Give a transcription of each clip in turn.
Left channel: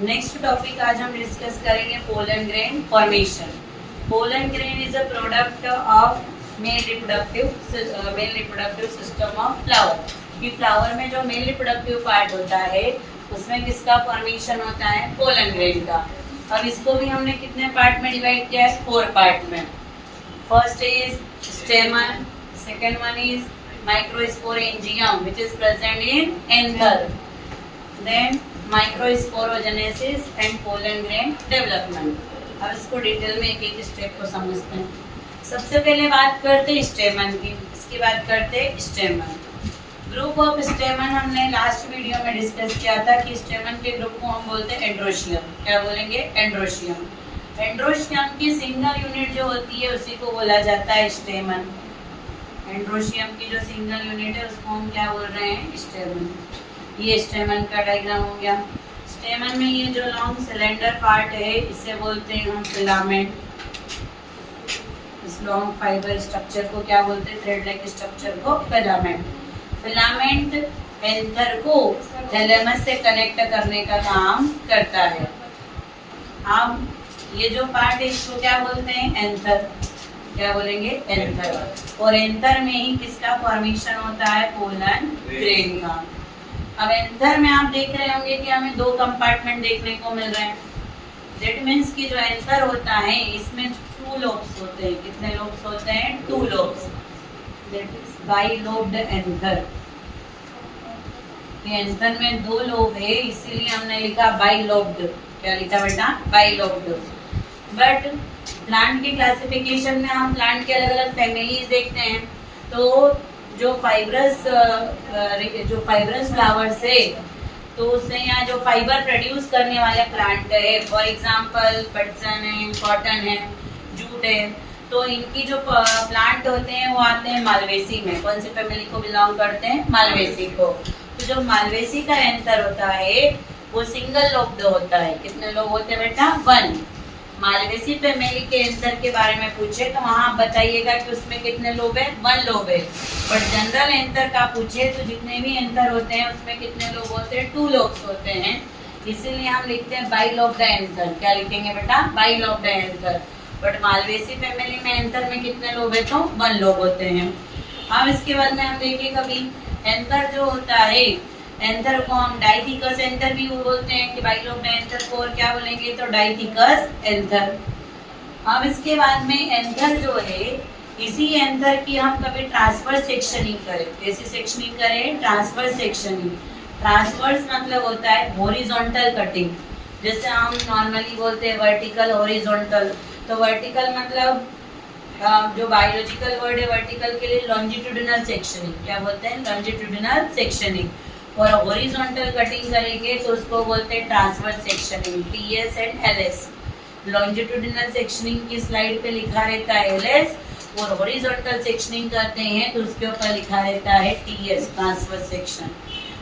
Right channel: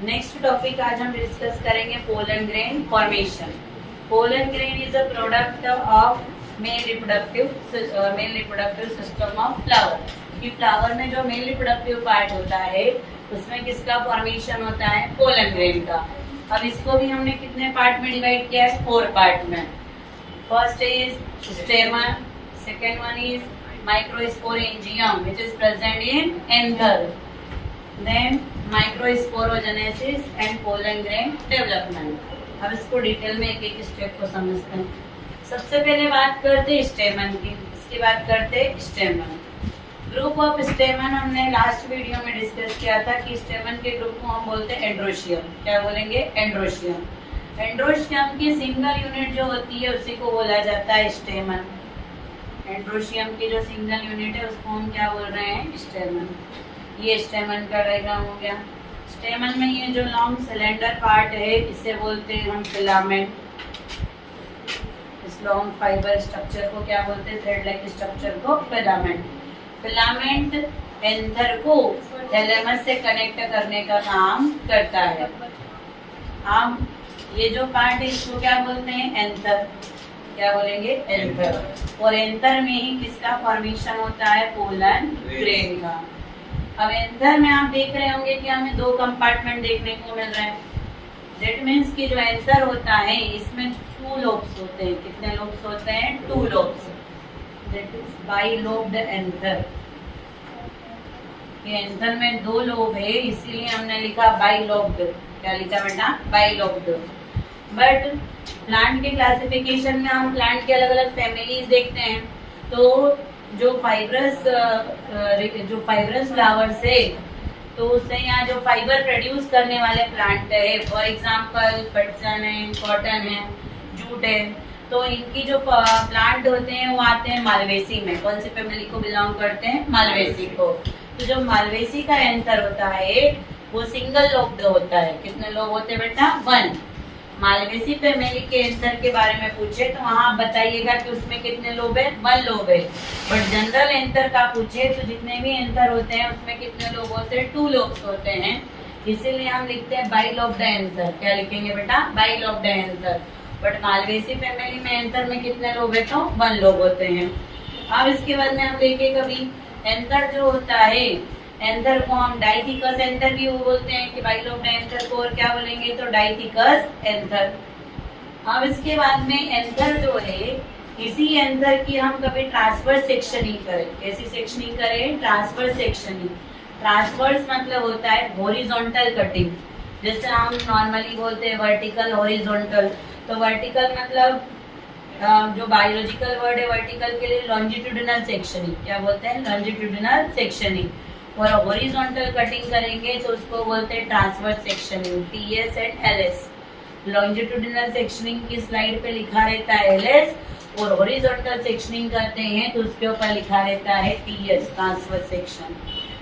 Next topic आज हम discuss करेंगे pollen grain formation. Pollen grain is a product of male reproductive system of flower. कि flower में जो मेल रिप्रोडक्टिव पार्ट होता है उसमें किसका फॉर्मेशन होता है? पोलन ग्रेन का। अब इसको भी हमने कितने पार्ट में डिवाइड किया है? 4 पार्ट में। First is stamen, second one is microsporangium which is present in anther, then microsporogenesis and pollen grain development. अब इसको डिटेल में एक एक स्टेप को समझते हैं। सबसे पहले बात करते हैं स्टेमन की, इसकी बात करते हैं स्टेमन। ग्रुप ऑफ स्टेमन हमने लास्ट वीडियो में डिस्कस किया था कि स्टेमन के ग्रुप को हम बोलते हैं एंड्रोशियम। क्या बोलेंगे? एंड्रोशियम। एंड्रोशियम की सिंगल यूनिट जो होती है उसी को बोला जाता है स्टेमन। एंड्रोशियम की जो सिंगल यूनिट है उसको हम क्या बोल रहे हैं? स्टेमन। ये स्टेमन का डायग्राम हो गया। स्टेमन में ये जो लॉन्ग सिलेंडर पार्ट है इसे बोलते हैं हम फिलामेंट। इस लॉन्ग फाइबर स्ट्रक्चर को क्या बोलते हैं? थ्रेड लाइक स्ट्रक्चर को फिलामेंट। फिलामेंट एंथर को थैलेमस से कनेक्ट करने का काम करता है। हम ये जो पार्ट है इसको क्या बोलते हैं? एंथर। क्या बोलेंगे? एंथर। और एंथर में ही किसका फॉर्मेशन होता है? पोलन ग्रेन का। अब एंथर में आप देख रहे होंगे कि हमें 2 कंपार्टमेंट देखने को मिल रहे हैं। दैट मीन्स कि जो एंथर होता है इसमें 2 लोब्स होते हैं। कितने लोब्स होते हैं? 2 lobes. That is bilobed anther. ये एंथर में 2 लोब है इसीलिए हमने लिखा बाइलोब्ड। क्या लिखा बेटा? बाइलोब्ड। बट प्लांट के क्लासिफिकेशन में हम प्लांट के अलग अलग फैमिलीज देखते हैं। तो जो फाइब्रस फ्लावर्स है तो उससे यहाँ जो फाइबर प्रोड्यूस करने वाले प्लांट है, फॉर एग्जांपल पटसन है, कॉटन है, जूट है, तो इनकी जो प्लांट होते हैं वो आते हैं मालवेसी में। कौन सी फैमिली को बिलोंग करते हैं? मालवेसी को। तो जो मालवेसी का एंथर होता है वो सिंगल लोब्ड होता है। कितने लोब होते हैं बेटा? 1। मालवेसी फैमिली के एंथर के बारे में पूछे तो वहाँ आप बताइएगा कि उसमें कितने लोब है? 1 लोब है। बट जनरल एंथर का पूछे तो जितने भी एंथर होते हैं उसमें कितने लोब होते हैं? 2 लोब्स होते हैं। इसीलिए हम लिखते हैं बाइलोब्ड एंथर। क्या लिखेंगे बेटा? Bilobed anther. But Malvaceae family में एंथर में कितने लोब है? तो 1 लोब होते हैं। अब इसके बाद में हम देखें कभी एंथर जो होता है, एंथर को हम डाइथिकस एंथर भी बोलते हैं कि बाइलोब्ड एंथर को। और क्या बोलेंगे? तो डाइथिकस एंथर। अब इसके बाद में एंथर जो है इसी एंथर की हम कभी ट्रांसवर्स सेक्शनिंग करें। कैसी सेक्शनिंग करें? Transverse sectioning. ट्रांसवर्स मतलब होता है हॉरिजॉन्टल कटिंग। जैसे हम नॉर्मली बोलते हैं वर्टिकल, हॉरिजॉन्टल। तो वर्टिकल मतलब जो बायोलॉजिकल वर्ड है वर्टिकल के लिए लॉन्जिट्यूडिनल सेक्शनिंग। क्या बोलते हैं? Longitudinal sectioning. और हॉरिजॉन्टल कटिंग करेंगे तो उसको बोलते हैं transverse sectioning. TS and LS। Longitudinal sectioning की स्लाइड पे लिखा रहता है LS और हॉरिजॉन्टल सेक्शनिंग करते हैं तो उसके ऊपर लिखा रहता है TS, ट्रांसवर्स सेक्शन।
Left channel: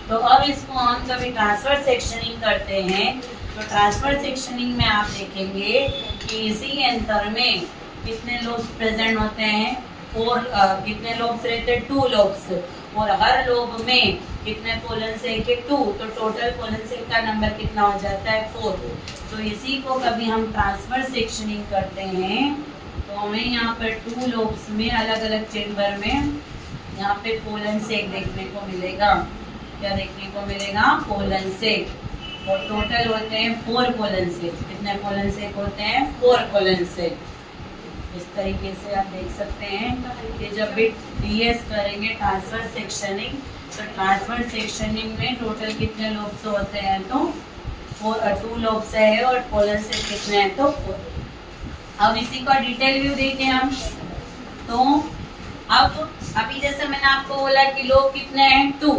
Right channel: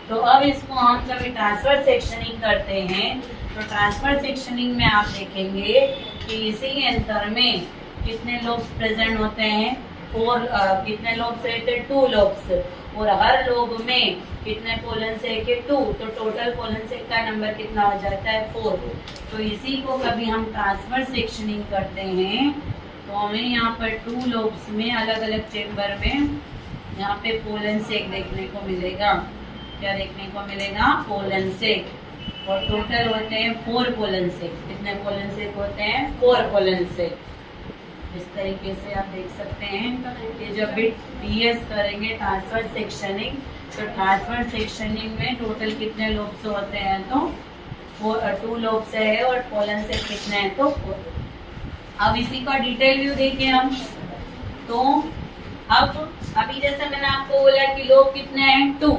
तो अब इसको हम कभी ट्रांसवर्स सेक्शनिंग करते हैं तो ट्रांसवर्स सेक्शनिंग में आप देखेंगे कि इसी एंथर में कितने लोब्स प्रेजेंट होते हैं? 4। कितने लोब्स रहते हैं? 2 लोब्स। और हर लोब में कितने पोलन से? 2। तो टोटल पोलन से का नंबर कितना हो जाता है? 4। तो इसी को कभी हम ट्रांसवर्स सेक्शनिंग करते हैं तो हमें यहाँ पर 2 लोब्स में अलग अलग चेम्बर में यहाँ पे पोलन से देखने को मिलेगा। क्या देखने को मिलेगा? पोलन से। और टोटल होते हैं 4 पोलन से। कितने पोलन से होते हैं? 4 पोलन से। इस तरीके से आप देख सकते हैं कि जब भी DS करेंगे ट्रांसवर्स सेक्शनिंग तो ट्रांसवर्स सेक्शनिंग में टोटल कितने लोब्स होते हैं? तो 2 लोब्स है। और पोलन से कितने हैं? तो 4। अब इसी का डिटेल व्यू देखें हम तो अब अभी जैसे मैंने आपको बोला कि लोब कितने हैं? 2।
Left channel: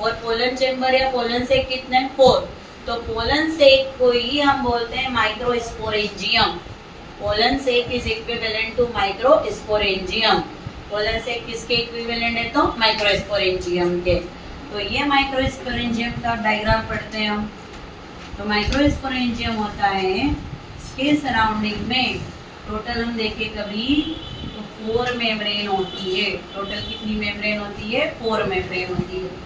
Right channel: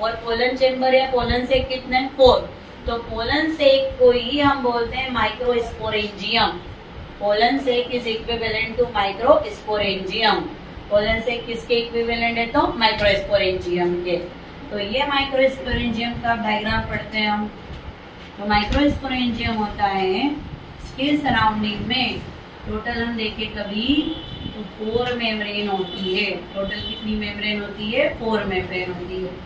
और पोलन चेम्बर या पोलन से कितने? 4। तो पोलन से को ही हम बोलते हैं microsporangium. Pollen sac is equivalent to microsporangium. Pollen sac किसके इक्विवेलेंट है? तो माइक्रोस्पोरेंजियम के। तो ये माइक्रोस्पोरेंजियम का डायग्राम पढ़ते हैं हम। तो माइक्रोस्पोरेंजियम होता है इसके सराउंडिंग में टोटल हम देखें कभी तो 4 मेम्ब्रेन होती है। टोटल कितनी मेम्ब्रेन होती है? 4 मेम्ब्रेन होती है।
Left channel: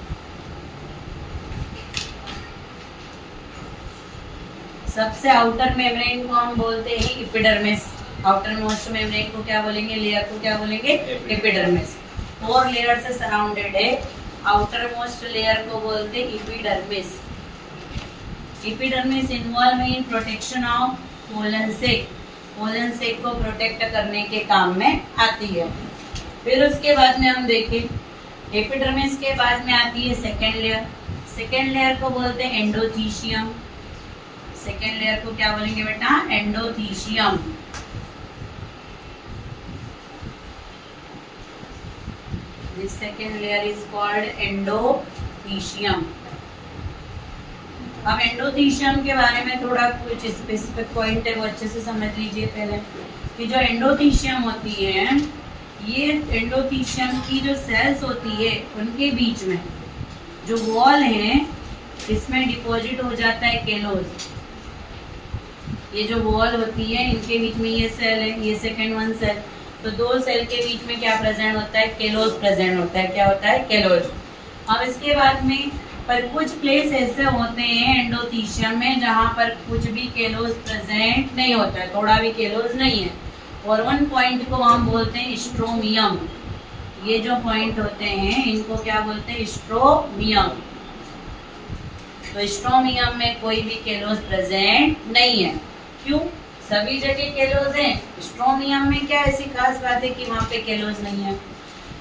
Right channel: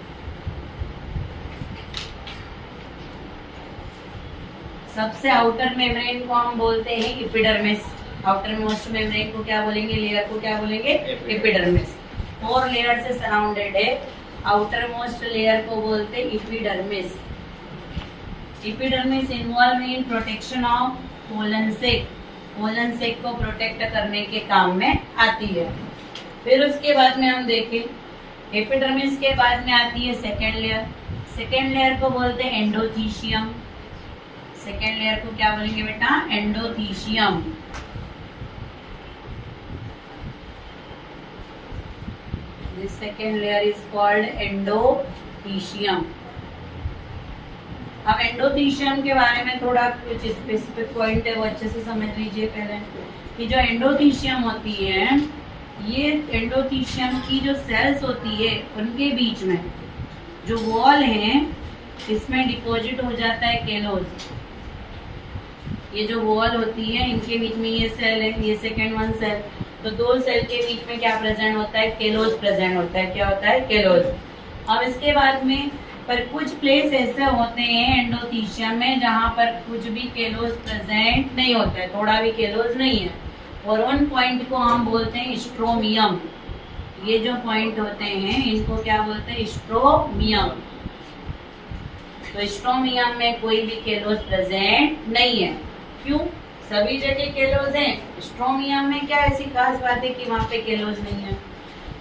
सबसे आउटर मेम्ब्रेन को हम बोलते हैं एपिडर्मिस। आउटर मोस्ट मेम्ब्रेन को क्या बोलेंगे, लेयर को क्या बोलेंगे, एपिडर्मिस। 4 लेयर से सराउंडेड है, आउटर मोस्ट लेयर को बोलते हैं epidermis. Epidermis involve in protection of pollen sac, pollen sac को प्रोटेक्ट करने के काम में आती है। फिर उसके बाद में हम देखें एपिडर्मिस के बाद में आती है सेकेंड लेयर। सेकेंड लेयर को बोलते हैं एंडोथीशियम। सेकेंड लेयर को क्या बोलेंगे बेटा, endothecium. This second layer is called endothecium. अब एंडोथीशियम के बारे में थोड़ा कुछ स्पेसिफिक पॉइंट है वो अच्छे से समझ लीजिए पहले कि जो एंडोथीशियम होती है, ये एंडोथीशियम की जो सेल्स होती है उनके बीच में जो वॉल है इसमें डिपॉजिट हो जाता है केलोज। ये जो वॉल होती है इनके बीच में ये सेल है, ये सेकेंड वन सेल, तो 2 सेल के बीच में क्या प्रेजेंट होता है, केलोज प्रेजेंट होता है। क्या होता है, केलोज। अब इसके बाद में पर कुछ प्लेस ऐसे होते हैं एंडोथीशियम में जहाँ पर कुछ भी केलोज प्रेजेंट नहीं होता है, थोड़ा भी केलोज नहीं है, और उन पॉइंट को हम बोलते हैं स्ट्रोमियम। ये जो पॉइंट होते हैं इनको क्या बोलते हैं, स्ट्रोमियम। तो स्ट्रोमियम में कोई भी केलोज प्रेजेंट नहीं है। क्यों, सभी जगह केलोज हैं, स्ट्रोमियम में क्या ऐसी खास बात है कि वहाँ पे केलोज नहीं है।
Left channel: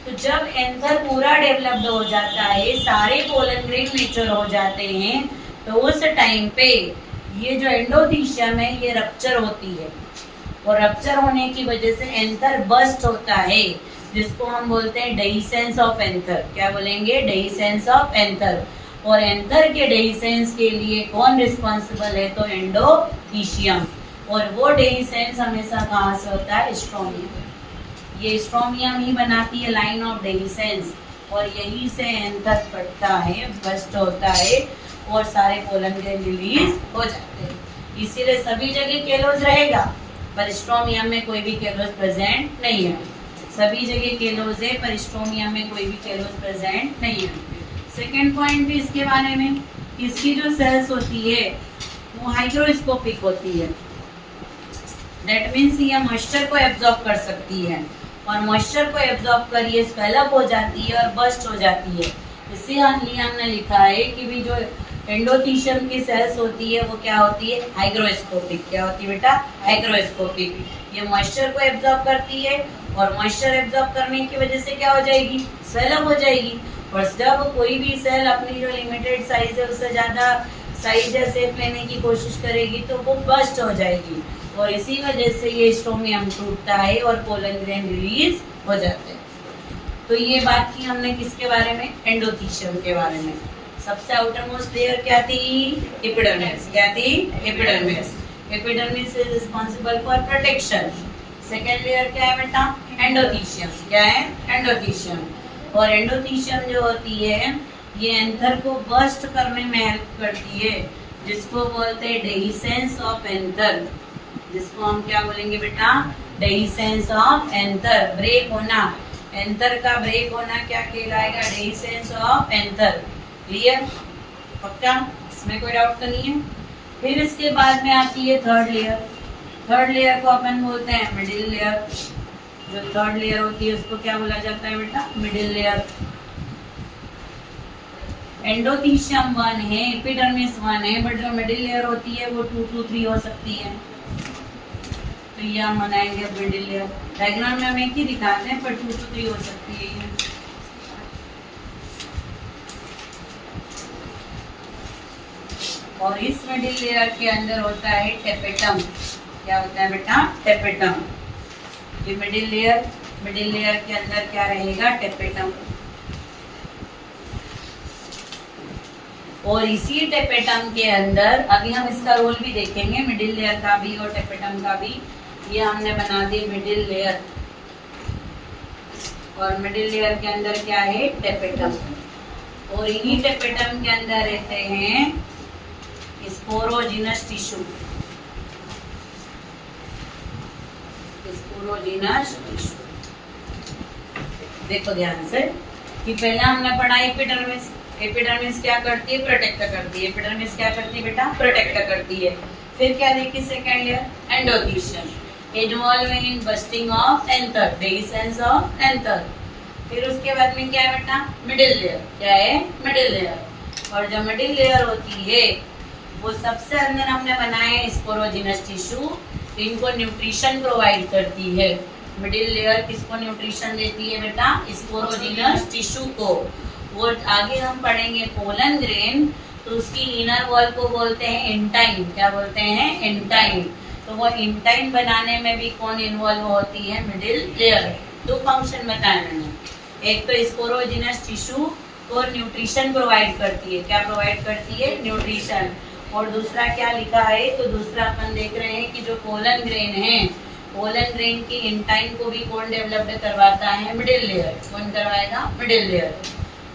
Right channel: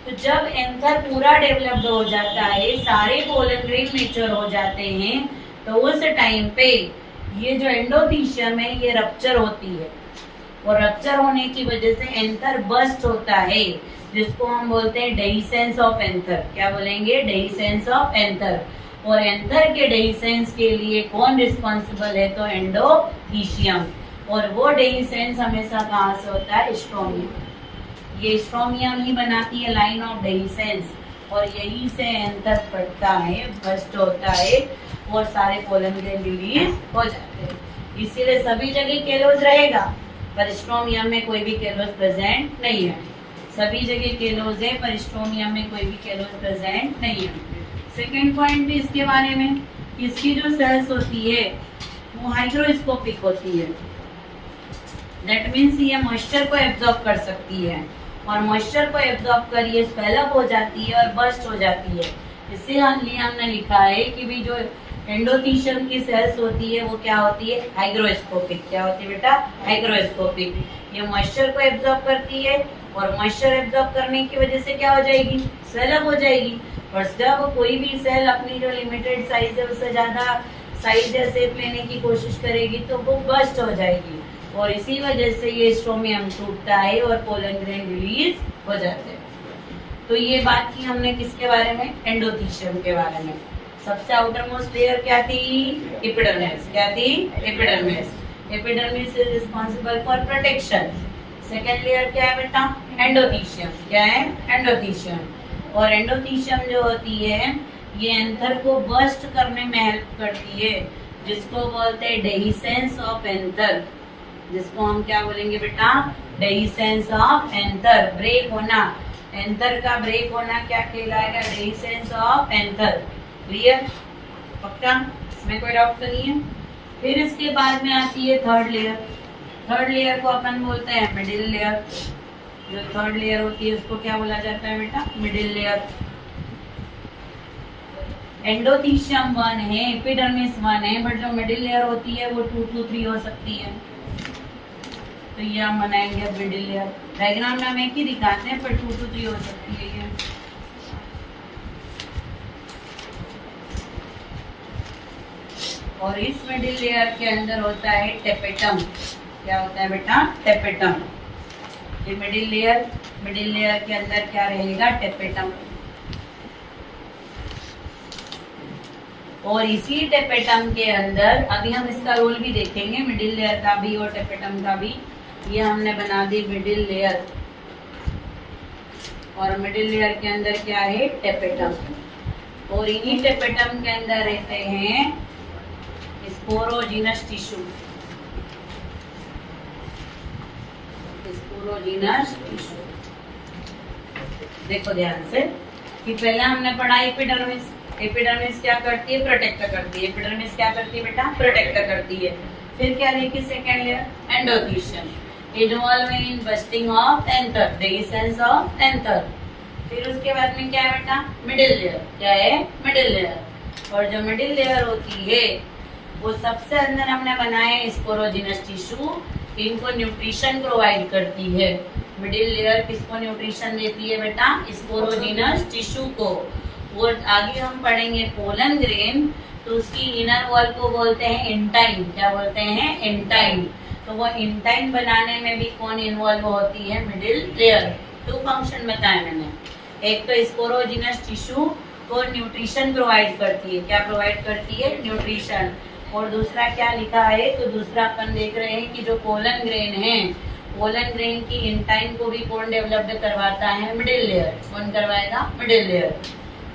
तो जब एंथर पूरा डेवलप्ड हो जाता है, सारे पोलन ग्रेन मैच्योर हो जाते हैं, तो उस टाइम पे ये जो एंडोथीशियम है ये रप्चर होती है, और रप्चर होने की वजह से एंथर बस्ट होता है, जिसको हम बोलते हैं डेहिसेंस ऑफ एंथर। क्या बोलेंगे, डेहिसेंस ऑफ एंथर। और एंथर के डेहिसेंस के लिए कौन रिस्पॉन्सिबल है, तो एंडोथीशियम। और वो डेहिसेंस हमेशा कहाँ से होता है, स्ट्रोमियम। ये स्ट्रोमियम ही बनाती है लाइन ऑफ डेहिसेंस, और यही से एंथर फटता है, बस्ट होता है, और सारे पोलन ग्रेन रिलीज हो जाते हैं। इसीलिए सभी जगह केलोज रहेगा, पर स्ट्रोमियम में कोई भी केलोज प्रेजेंट नहीं है। सभी जगह केलोज है, पर स्ट्रोमियम में कोई भी केलोज प्रेजेंट नहीं है। सेकेंड पॉइंट भी इसके बारे में, इसकी जो सेल्स होती है वो हाइग्रोस्कोपिक होती है। दैट मीन्स ये मॉइस्चर को एब्जॉर्ब कर सकती है, और मॉइस्चर को एब्जॉर्ब कर ये स्वेलअप हो जाती है और बस्ट हो जाती है। इसीलिए हमने लिखा है कि भी जो एंडोथीशियम की सेल्स होती है वो क्या होती है, हाइग्रोस्कोपिक। क्या होती है बेटा, हाइग्रोस्कोपिक। ये मॉइस्चर को एब्जॉर्ब करती है, और मॉइस्चर एब्जॉर्ब करने की वजह से क्या हो जाएगी, स्वेलअप हो जाएगी। और जब कोई भी सेल अपनी जो लिमिटेड साइज है उससे ज्यादा साइज या शेप लेने की कोशिश करेगी तो वो बस्ट हो जाएगी, और इसी वजह से ये स्ट्रोमियम टूटता है और पोलन ग्रेन रिलीज हो जाते हैं। तो ये बात की हमने किसके बारे में, एंडोथीशियम के बारे में। सबसे आउटर मोस्ट लेयर क्या थी, एपिडर्मिस। क्या थी, epidermis. Epidermis is responsible for protection. Second layer क्या है बेटा, एंडोथीशियम। क्या है, एंडोथीशियम। और एंडोथीशियम जो होती है ये एंथर को बस्ट करने में हेल्प करती है, जिसको बोलते हैं डेहिसेंस ऑफ एंथर। जिसको हम क्या बोलेंगे बेटा, डेहिसेंस ऑफ एंथर। ब्रेक होना, एंथर का ब्रेक होना क्या कहलाएगा, डेहिसेंस ऑफ एंथर। क्लियर, पक्का, इसमें कोई डाउट तो नहीं है। फिर इसके बाद में आती है थर्ड लेयर। थर्ड लेयर को अपन बोलते हैं मिडिल लेयर। जो थर्ड लेयर होती है उसको क्या बोला जाता है बेटा, मिडिल लेयर। एंडोथीशियम 1 है, एपिडर्मिस 1 है, बट जो मिडिल लेयर होती है वो 2 to 3 हो सकती है। तो ये हम बनाएंगे मिडिल लेयर। डायग्राम में हम एक ही दिखाते हैं, पर 2 to 3 हो सकती है ये। और इस मिडिल लेयर के अंदर होता है टेपेटम। क्या होता है बेटा, टेपेटम। ये मिडिल लेयर के अंदर क्या रहेगा, टेपेटम। और इसी टेपेटम के अंदर अभी हम इसका रोल भी देखेंगे, मिडिल लेयर का भी और टेपेटम का भी। ये हमने बना दी मिडिल लेयर, और मिडिल लेयर के अंदर क्या है, टेपेटम। और इन्हीं टेपेटम के अंदर रहते हैं स्पोरोजिनस टिश्यू। स्पोरोजिनस टिश्यू देखो ध्यान से कि पहले हमने पढ़ा एपिडर्मिस। एपिडर्मिस क्या करती है? प्रोटेक्ट करती है। एपिडर्मिस क्या करती है बेटा? प्रोटेक्ट करती है। फिर क्या देखिए second layer, endothecium, involve in bursting of anther, dehiscence of anther. फिर उसके बाद में क्या है बेटा? Middle layer. क्या है? Middle layer. और जो मिडिल लेयर होती है वो सबसे अंदर हमने बनाए स्पोरोजिनस टिश्यू, इनको न्यूट्रिशन प्रोवाइड करती है। मिडिल लेयर किसको न्यूट्रिशन देती है बेटा? स्पोरोजिनस टिश्यू को। वो आगे हम पढ़ेंगे पोलन ग्रेन, तो उसकी इनर वॉल को बोलते हैं इंटाइन। क्या बोलते हैं? इंटाइन। तो वो इंटाइन बनाने में भी कौन इन्वॉल्व होती है? Middle layer. दो फंक्शन बताए मैंने, एक तो स्पोरोजिनस टिश्यू को न्यूट्रिशन प्रोवाइड करती है। क्या प्रोवाइड करती है? न्यूट्रिशन। और दूसरा क्या लिखा है? तो दूसरा अपन देख रहे हैं कि जो पोलन ग्रेन है, पोलन ग्रेन की इंटाइन को भी कौन डेवलप्ड करवाता है? Middle layer. कौन करवाएगा? Middle layer.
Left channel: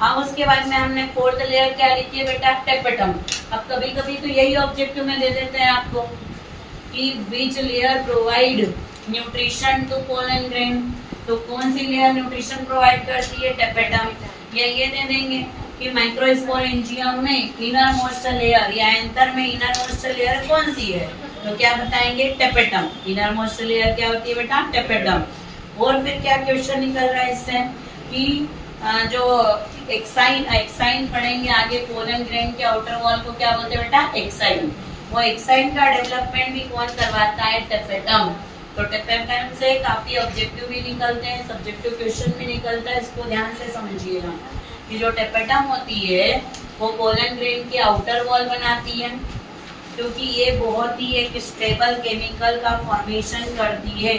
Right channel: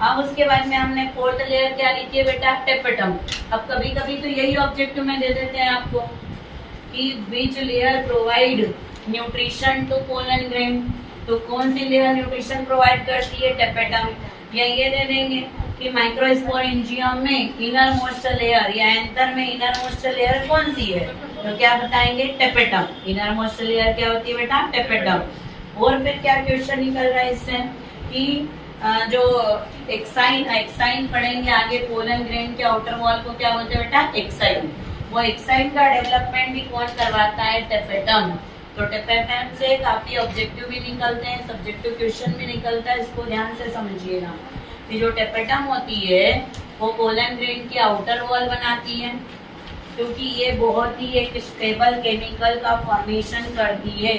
अब उसके बाद में हमने फोर्थ लेयर क्या लिखी है बेटा? टेपेटम। अब कभी कभी तो यही ऑब्जेक्टिव में दे देते हैं आपको कि which layer provide nutrition to pollen grain, तो कौन सी लेयर न्यूट्रिशन प्रोवाइड करती है? टेपेटम। या ये दे देंगे कि माइक्रोस्पोरेंजियम में इनर मोस्ट लेयर या एंथर में इनर मोस्ट लेयर कौन सी है? तो क्या बताएंगे? टेपेटम। इनर मोस्ट लेयर क्या होती है बेटा? टेपेटम। और फिर क्या क्वेश्चन निकल रहा है इससे कि जो एक्साइन पढ़ेंगे आगे, पोलन ग्रेन के आउटर वॉल को क्या बोलते हैं बेटा? एक्साइन। वो एक्साइन का डेवलपमेंट भी कौन करवाता है? टेपेटम। तो टेपेटम से काफी ऑब्जेक्टिव भी निकलते हैं, सब्जेक्टिव क्वेश्चन भी निकलता है। इसको ध्यान से समझिएगा कि जो टेपेटम होती है वो पोलन ग्रेन की आउटर वॉल बनाती है, क्योंकि ये बहुत ही एक स्टेबल केमिकल का फॉर्मेशन करती है,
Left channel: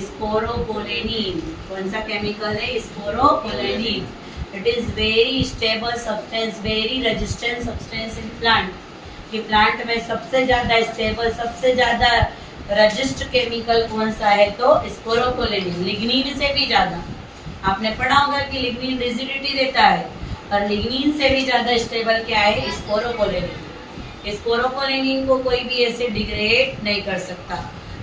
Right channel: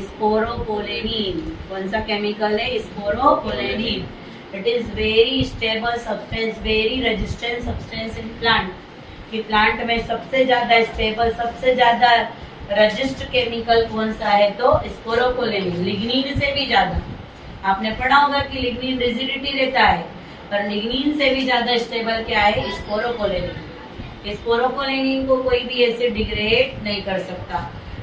स्पोरोपोलेनिन। कौन सा केमिकल है? Sporopollenin. It is very stable substance, very resistant substance in plant. कि प्लांट में सबसे ज्यादा स्टेबल, सबसे ज्यादा रजिस्ट केमिकल कौन सा है? तो स्पोरोपोलेनिन। लिग्निन से भी ज्यादा। आपने पढ़ा होगा कि लिग्निन रिजिडिटी देता है, पर लिग्निन से भी ज्यादा स्टेबल क्या है? स्पोरोपोलेनिन। स्पोरोपोलेनिन को कोई भी एसिड डिग्रेड नहीं कर सकता,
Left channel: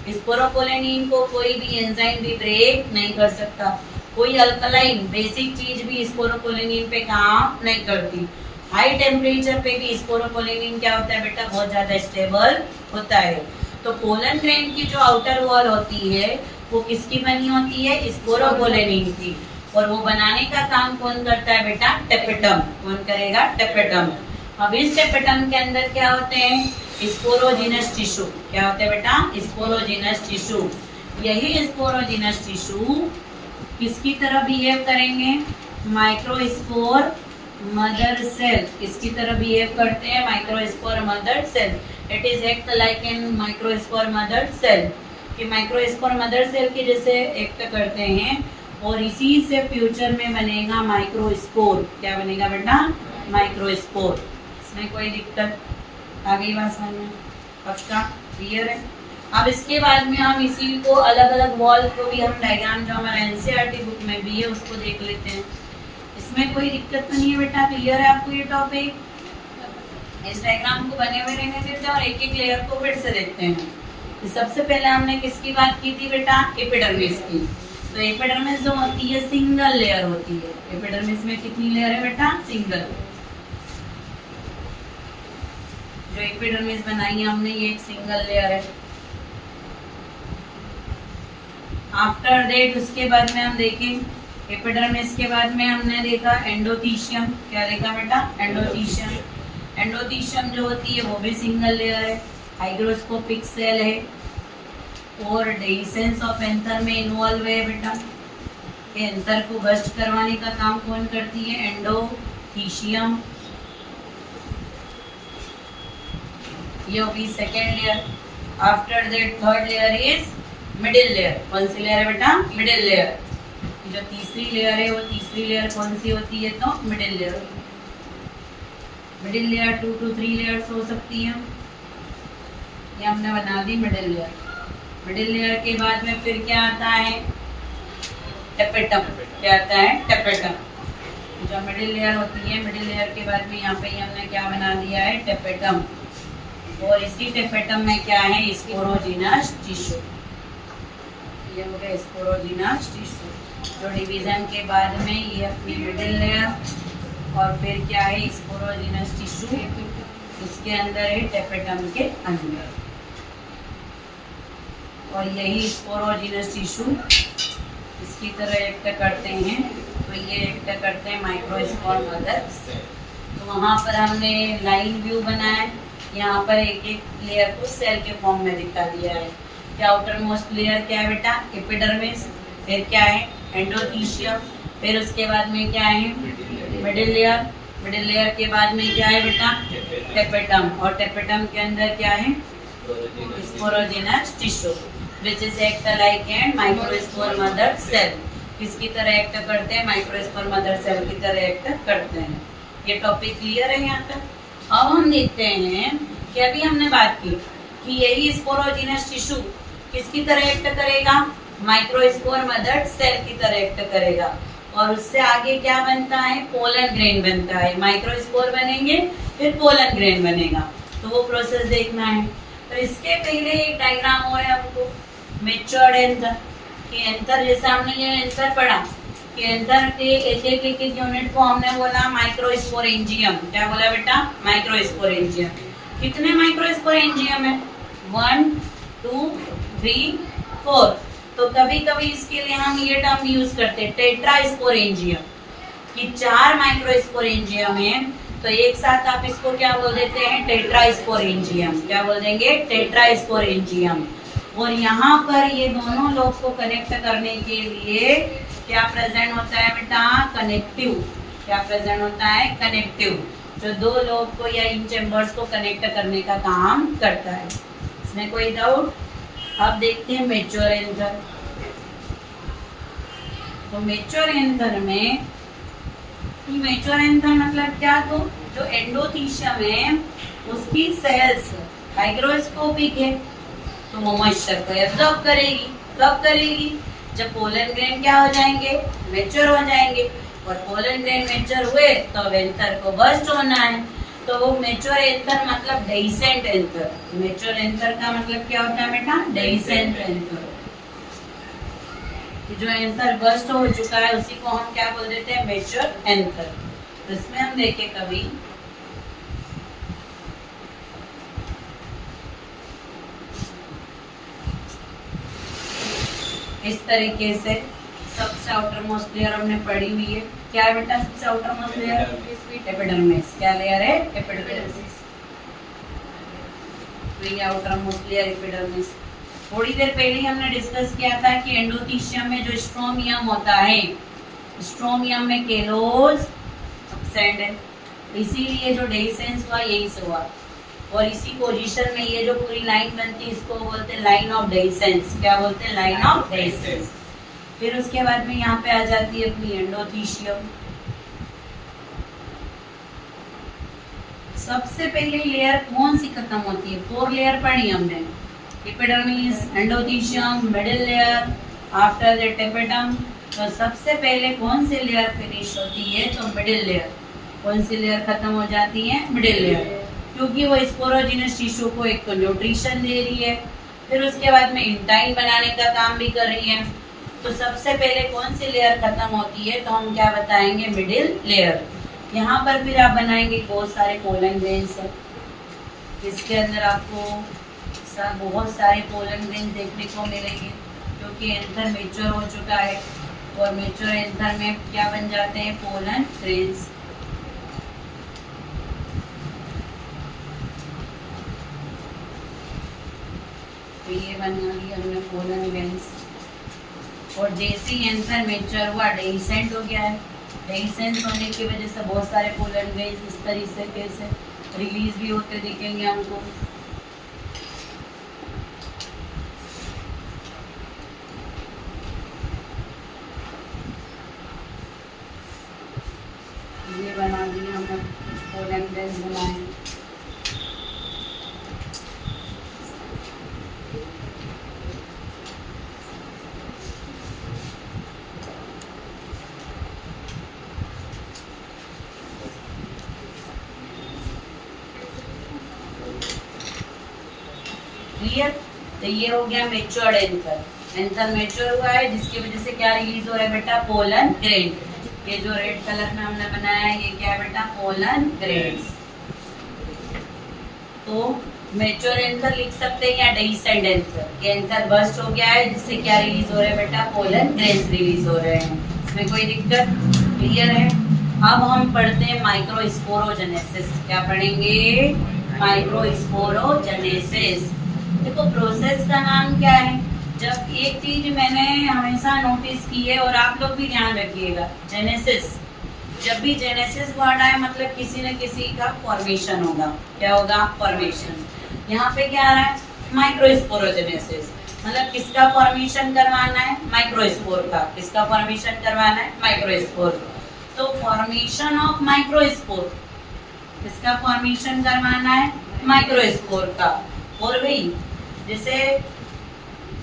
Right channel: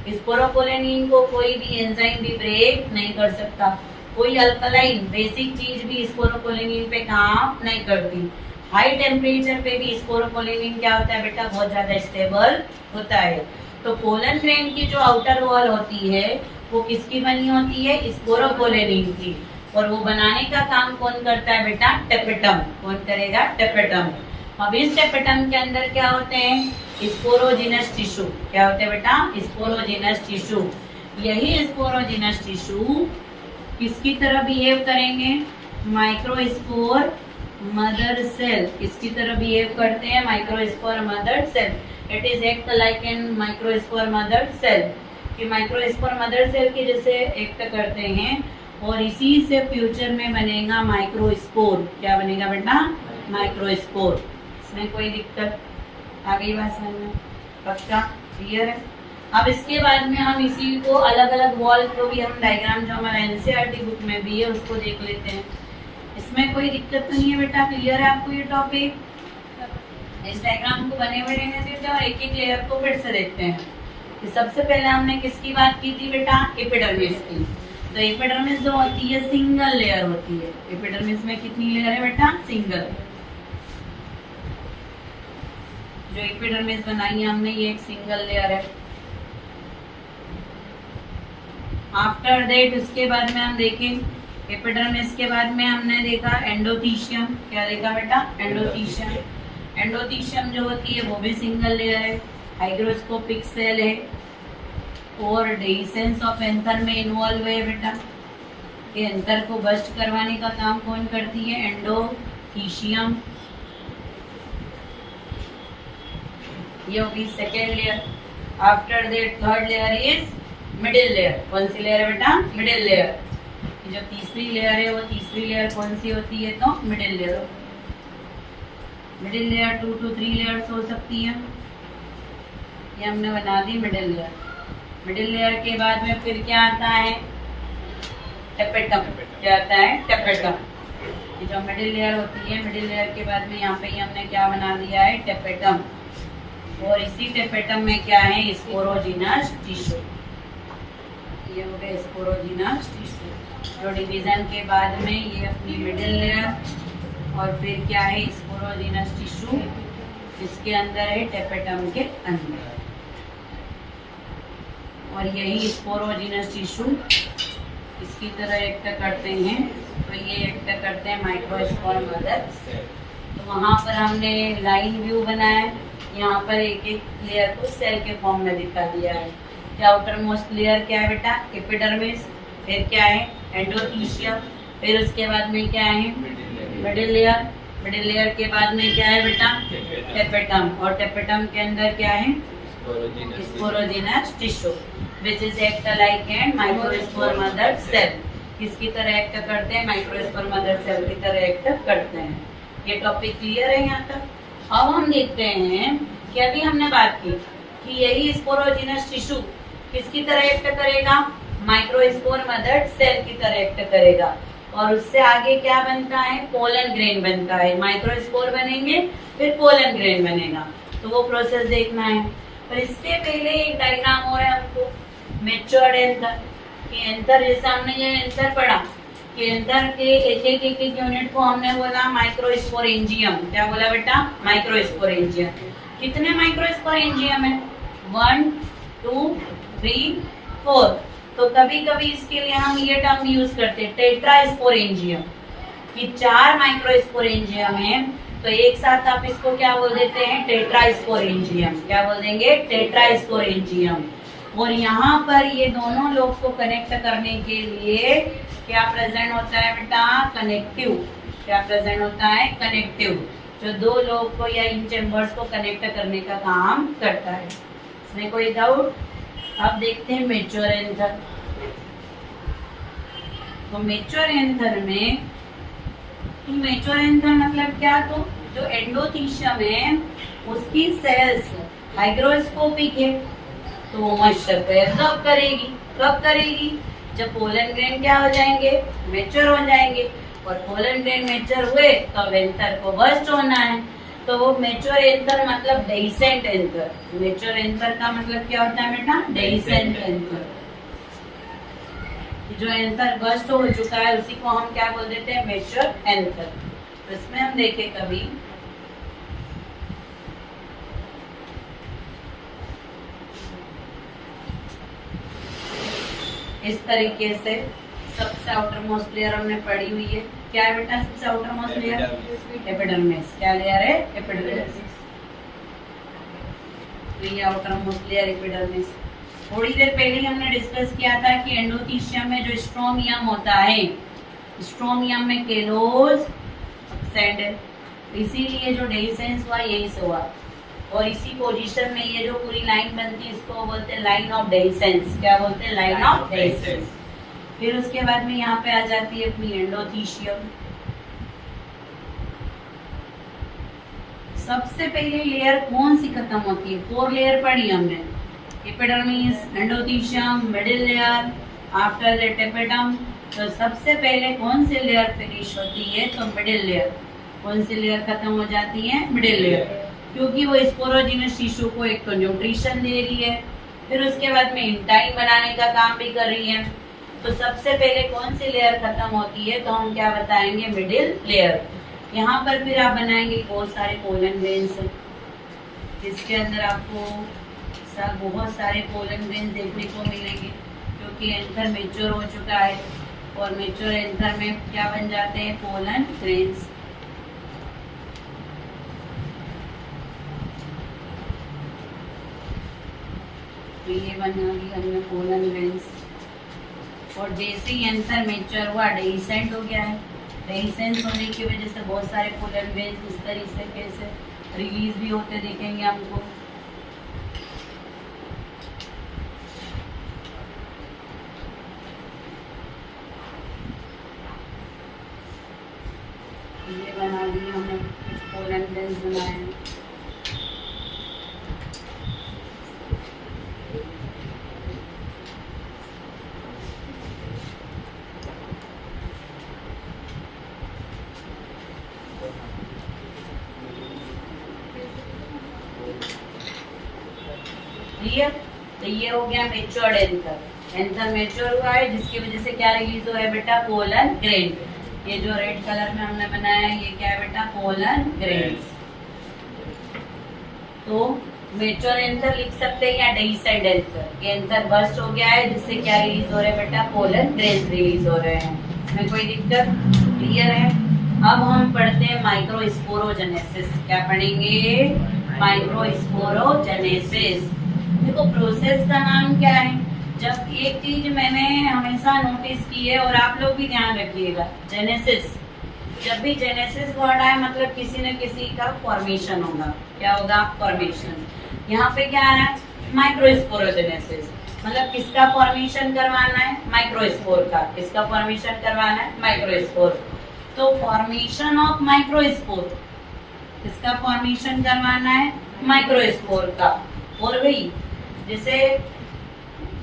स्पोरोपोलेनिन को कोई भी एंजाइम भी ब्रेक नहीं कर सकता, कोई अल्कलाइन बेसिक चीज भी स्पोरोपोलेनिन पे काम नहीं करती। हाई टेम्परेचर पे भी स्पोरोपोलेनिन क्या होता है बेटा? बहुत ज्यादा स्टेबल होता है। तो पोलन ग्रेन की जो आउटर वॉल होती है वो किसकी बनी होती है? स्पोरोपोलेनिन की। और वो बनाने का काम कौन करता है बेटा? टेपेटम। कौन करेगा? टेपेटम। अब इस टेपेटम के अंदर क्या होते हैं? Sporogenous tissue. क्या होते हैं बेटा? Sporogenous tissue. यही स्पोरोजिनस टिश्यू किसकी तरह बिहेव करेंगे? Microspore mother cell. किसकी तरह बिहेव करते हैं? Microspore mother cell. It is act like an microspore mother cell, कि माइक्रोस्पोर मदर सेल के जैसे एक्ट करते हैं। और इसी से फ्यूचर में बनेगा माइक्रोस्पोर। क्या बनेगा बेटा? माइक्रोस्पोर। इसमें कोई दिक्कत आ गई बात समझ में? पक्का क्लियर है? अब इसके बाद में हम इसी को अलग अलग वॉल को भी हम डायग्राम जो हमारा एनसीईआरटी बुक में भी है उसको देख लेते हैं। इसमें कोई दिक्कत तो नहीं है बेटा? क्लियर है आपको ये टॉपिक? इस डायग्राम को बने हुए रहने देते हैं और एक एक लेयर को फिर से देखते हैं। तो सबसे पहले हमने किसकी बात की थी बेटा? एपिडर्मिस की। तो एपिडर्मिस जो होती है सिंगल लेयर होती है। एपिडर्मिस में कितनी लेयर है बेटा? सिंगल। जो एपिडर्मिस बनाई है हमने ये एक सिंगल लेयर है। आफ्टर दैट उसके बाद में हम देखें एपिडर्मिस के बाद में हमने देखा एंडोथीशियम। क्या देखा बेटा? एंडोथीशियम। एंडोथीशियम जो होती है वो भी सिंगल लेयर है, हाइग्रोस्कोपिक सेल है और डेhiscence ऑफ एंथर में इन्वॉल्व है बेटा। एंथर को बस्ट करवाने का काम कौन करती है? एंडोथीशियम। ये होगी second layer. After that third layer is middle layer. कौन सी लेयर है बेटा? Middle layer. जो तीसरी लेयर है वो तीसरी लेयर कौन सी होती है? तो middle layer. Middle layer 2 to 3 layers हो सकती है। ये हमने बना दी मिडिल लेयर। मिडिल लेयर के बाद में फिर क्या आता है? टेपेटम। क्या आता है? टेपेटम। जो मिडिल लेयर होती है, मिडिल लेयर के बाद में यहाँ पे हमने क्या बना दिया है? टेपेटम। और इसी टेपेटम में क्या है? Sporogenous tissue. ये हो गया स्पोरोजिनस टिश्यू। जो डिवीजन के बाद में ये अपनी मिडिल लेयर और फिर क्या है स्पोरोजिनस टिश्यू, इसके अंदर है टेपेटम के अंदर, और यही स्पोरोजिनस टिश्यू इसकी तरह एक्ट करते हैं। तो ये एक्ट करते हैं माइक्रोस्पोर मदर सेल। तो वहाँ पर हमने लाइन व्यू बनाया है, यहाँ पर एक एक लेयर को सेल के फॉर्म में दिखा दिया है। क्या आउटर मोस्ट लेयर क्या है बेटा, एपिडर्मिस, फिर क्या है एंडोथीशियम, फिर उसके बाद में क्या है मिडिल लेयर, मिडिल लेयर के बाद में क्या है बेटा टेपेटम, और टेपेटम के अंदर क्या है sporogenous tissue which is act like and microspore mother cell. किसकी तरह एक्ट करते हैं, माइक्रोस्पोर मदर सेल की तरह एक्ट करते हैं। ये टॉपिक क्लियर है यहाँ तक। अब हम देखते हैं कि अभी हमने बात की कि यही स्पोरोजिनस टिश्यू किसकी तरह एक्ट करेगा, माइक्रोस्पोर मदर सेल की तरह एक्ट करेगा, और उससे आगे क्या बनता है पोलन ग्रेन बनता है। माइक्रोस्पोर बनेंगे फिर पोलन ग्रेन बनेगा, तो वो प्रोसेस देखना है। पर इसके पहले एक डायग्राम हो है हमको मैच्योर्ड एंथर, कि एंथर जैसे हमने ये एंथर पढ़ा कि एंथर के एक यूनिट को हमने बोला माइक्रोस्पोरेंजियम। क्या बोला बेटा, माइक्रोस्पोरेंजियम। कितने माइक्रोस्पोरेंजियम है, 1 2 3 4। तो कभी कभी इसके लिए हम ये टर्म यूज करते हैं टेट्रास्पोरेंजियम, कि 4 माइक्रोस्पोरेंजियम है, तो एक साथ आप इसको क्या बोल देते हैं टेट्रास्पोरेंजियम। क्या बोल देंगे टेट्रास्पोरेंजियम। और यहाँ पर ये दोनों लोग को कनेक्ट करने के लिए क्या प्रेजेंट होता है बेटा, कनेक्टिव। क्या प्रेजेंट होता है, कनेक्टिव, जो दो लोग को या इन चैम्बर्स को कनेक्ट करने का काम करता है। इसमें कोई डाउट। अब देखते हैं मैच्योर एंथर। तो मैच्योर एंथर में मैच्योर एंथर मतलब क्या, तो जो एंडोथीशियम है उसकी सेल्स हाइग्रोस्कोपिक है, तो वो मॉइस्चर को एब्जॉर्ब करेगी। कब करेगी, जब पोलन ग्रेन क्या हो जाएंगे, मैच्योर हो जाएंगे, और पोलन ग्रेन मैच्योर हुए तो एंथर को बर्स्ट होना है। तो वो मैच्योर एंथर मतलब डेइसेंट एंथर। मैच्योर एंथर का मतलब क्या होता है बेटा, डेइसेंट एंथर। जो एंथर बर्स्ट हो चुका है उसी को हम क्या बोल देते हैं, मैच्योर एंथर। तो इसमें हम देखें कभी इस तरीके से सबसे आउटर मोस्ट लेयर हमने पढ़ी हुई है। क्या है बेटा सबसे आउटर मोस्ट लेयर, एपिडर्मिस। क्या लेयर है, एपिडर्मिस। तो ये आउटर मोस्ट लेयर एपिडर्मिस। थोड़ी देर पहले हमने डिस्कस किया था कि एंडोथीशियम में जो स्ट्रोमियम होता है, स्ट्रोमियम में केलोज एब्सेंट है, इसीलिए जो डेइसेंस हुआ यही से हुआ, और इसी पोजीशन में ये जो पूरी लाइन बनती है इसको बोलते हैं लाइन ऑफ डेइसेंस। क्या बोलते हैं, लाइन ऑफ डेइसेंस। फिर उसके बाद में यहाँ पे आ जाती है अपनी एंडोथीशियम। सबसे पहले लेयर कौन सी खत्म होती है, 4 लेयर पढ़ी हमने, epidermis, endothecium, middle layer, after that epiderm. तो सबसे पहले कौन सी लेयर फिनिश होती है, तो मिडिल लेयर। कौन सी लेयर खत्म हो जाती है, मिडिल लेयर, क्योंकि वो स्पोरोजिनस टिश्यू को एक तो न्यूट्रिशन दे रही है, फिर उसके बाद में इंटाइन बनाने का काम भी कर रही है। तो सबसे पहले कौन सी लेयर खत्म होती है, तो हम क्या बताएंगे, मिडिल लेयर। यहाँ पर फिर आप बनाएंगे बहुत सारे पोलन ग्रेन्स हैं, जिसके अंदर आपको बहुत सारे पोलन ग्रेन्स देखने को मिलेंगे, क्योंकि एंथर मैच्योर हो चुका है, और मैच्योर एंथर में क्या बन जाते हैं, पोलन ग्रेन्स। तो ये बना लिया हमने पोलन ग्रेन्स। और जैसे ही एंथर मैच्योर हुआ डेइसेंट हो गया है। डेइसेंट होने की वजह से बहुत सारे पोलन ग्रेन्स इस तरीके से रिलीज भी होते दिखेंगे हमको। ये बना दिए हमने, कुछ पोलन ग्रेन्स बनाए हैं। क्लियर। तो ये हो गया मैच्योर्ड एंथर। एंथर मैच्योर हुआ है, जिसकी वजह से क्या रिलीज हो रहा है बेटा, पोलन ग्रेन। ये जो रेड कलर में हमने बनाया है ये क्या है बेटा, पोलन ग्रेन्स। तो मेच्योर एंथर लिख सकते हैं या डेहिसेंट एंथर। ये एंथर बर्स्ट हो गया है जिससे क्या रिलीज हो रहा है बेटा, पोलन ग्रेन्स रिलीज हो रहे हैं। इसमें कोई दिक्कत, क्लियर है। अब हम पढ़ते हैं माइक्रोस्पोरोजेनेसिस। क्या पढ़ेंगे, माइक्रोस्पोरोजेनेसिस। देखो प्रोसेस का नाम क्या है, जब एक चीज मैंने हमेशा नोटिस की है और आप लोग भी ध्यान रखिएगा, जेनेसिस, जब भी जेनेसिस वर्ड आए मतलब किसी न किसी का फॉर्मेशन होगा। क्या होगा, फॉर्मेशन। यहाँ पे क्या आ रहा है, माइक्रोस्पोरोजेनेसिस, मतलब किसका फॉर्मेशन करवाना है, माइक्रोस्पोर का। किसका फॉर्मेशन करवाना है, माइक्रोस्पोर। तो फॉर्मेशन ऑफ माइक्रोस्पोर, किसका फॉर्मेशन करवाना है, माइक्रोस्पोर का। और भाई जैसे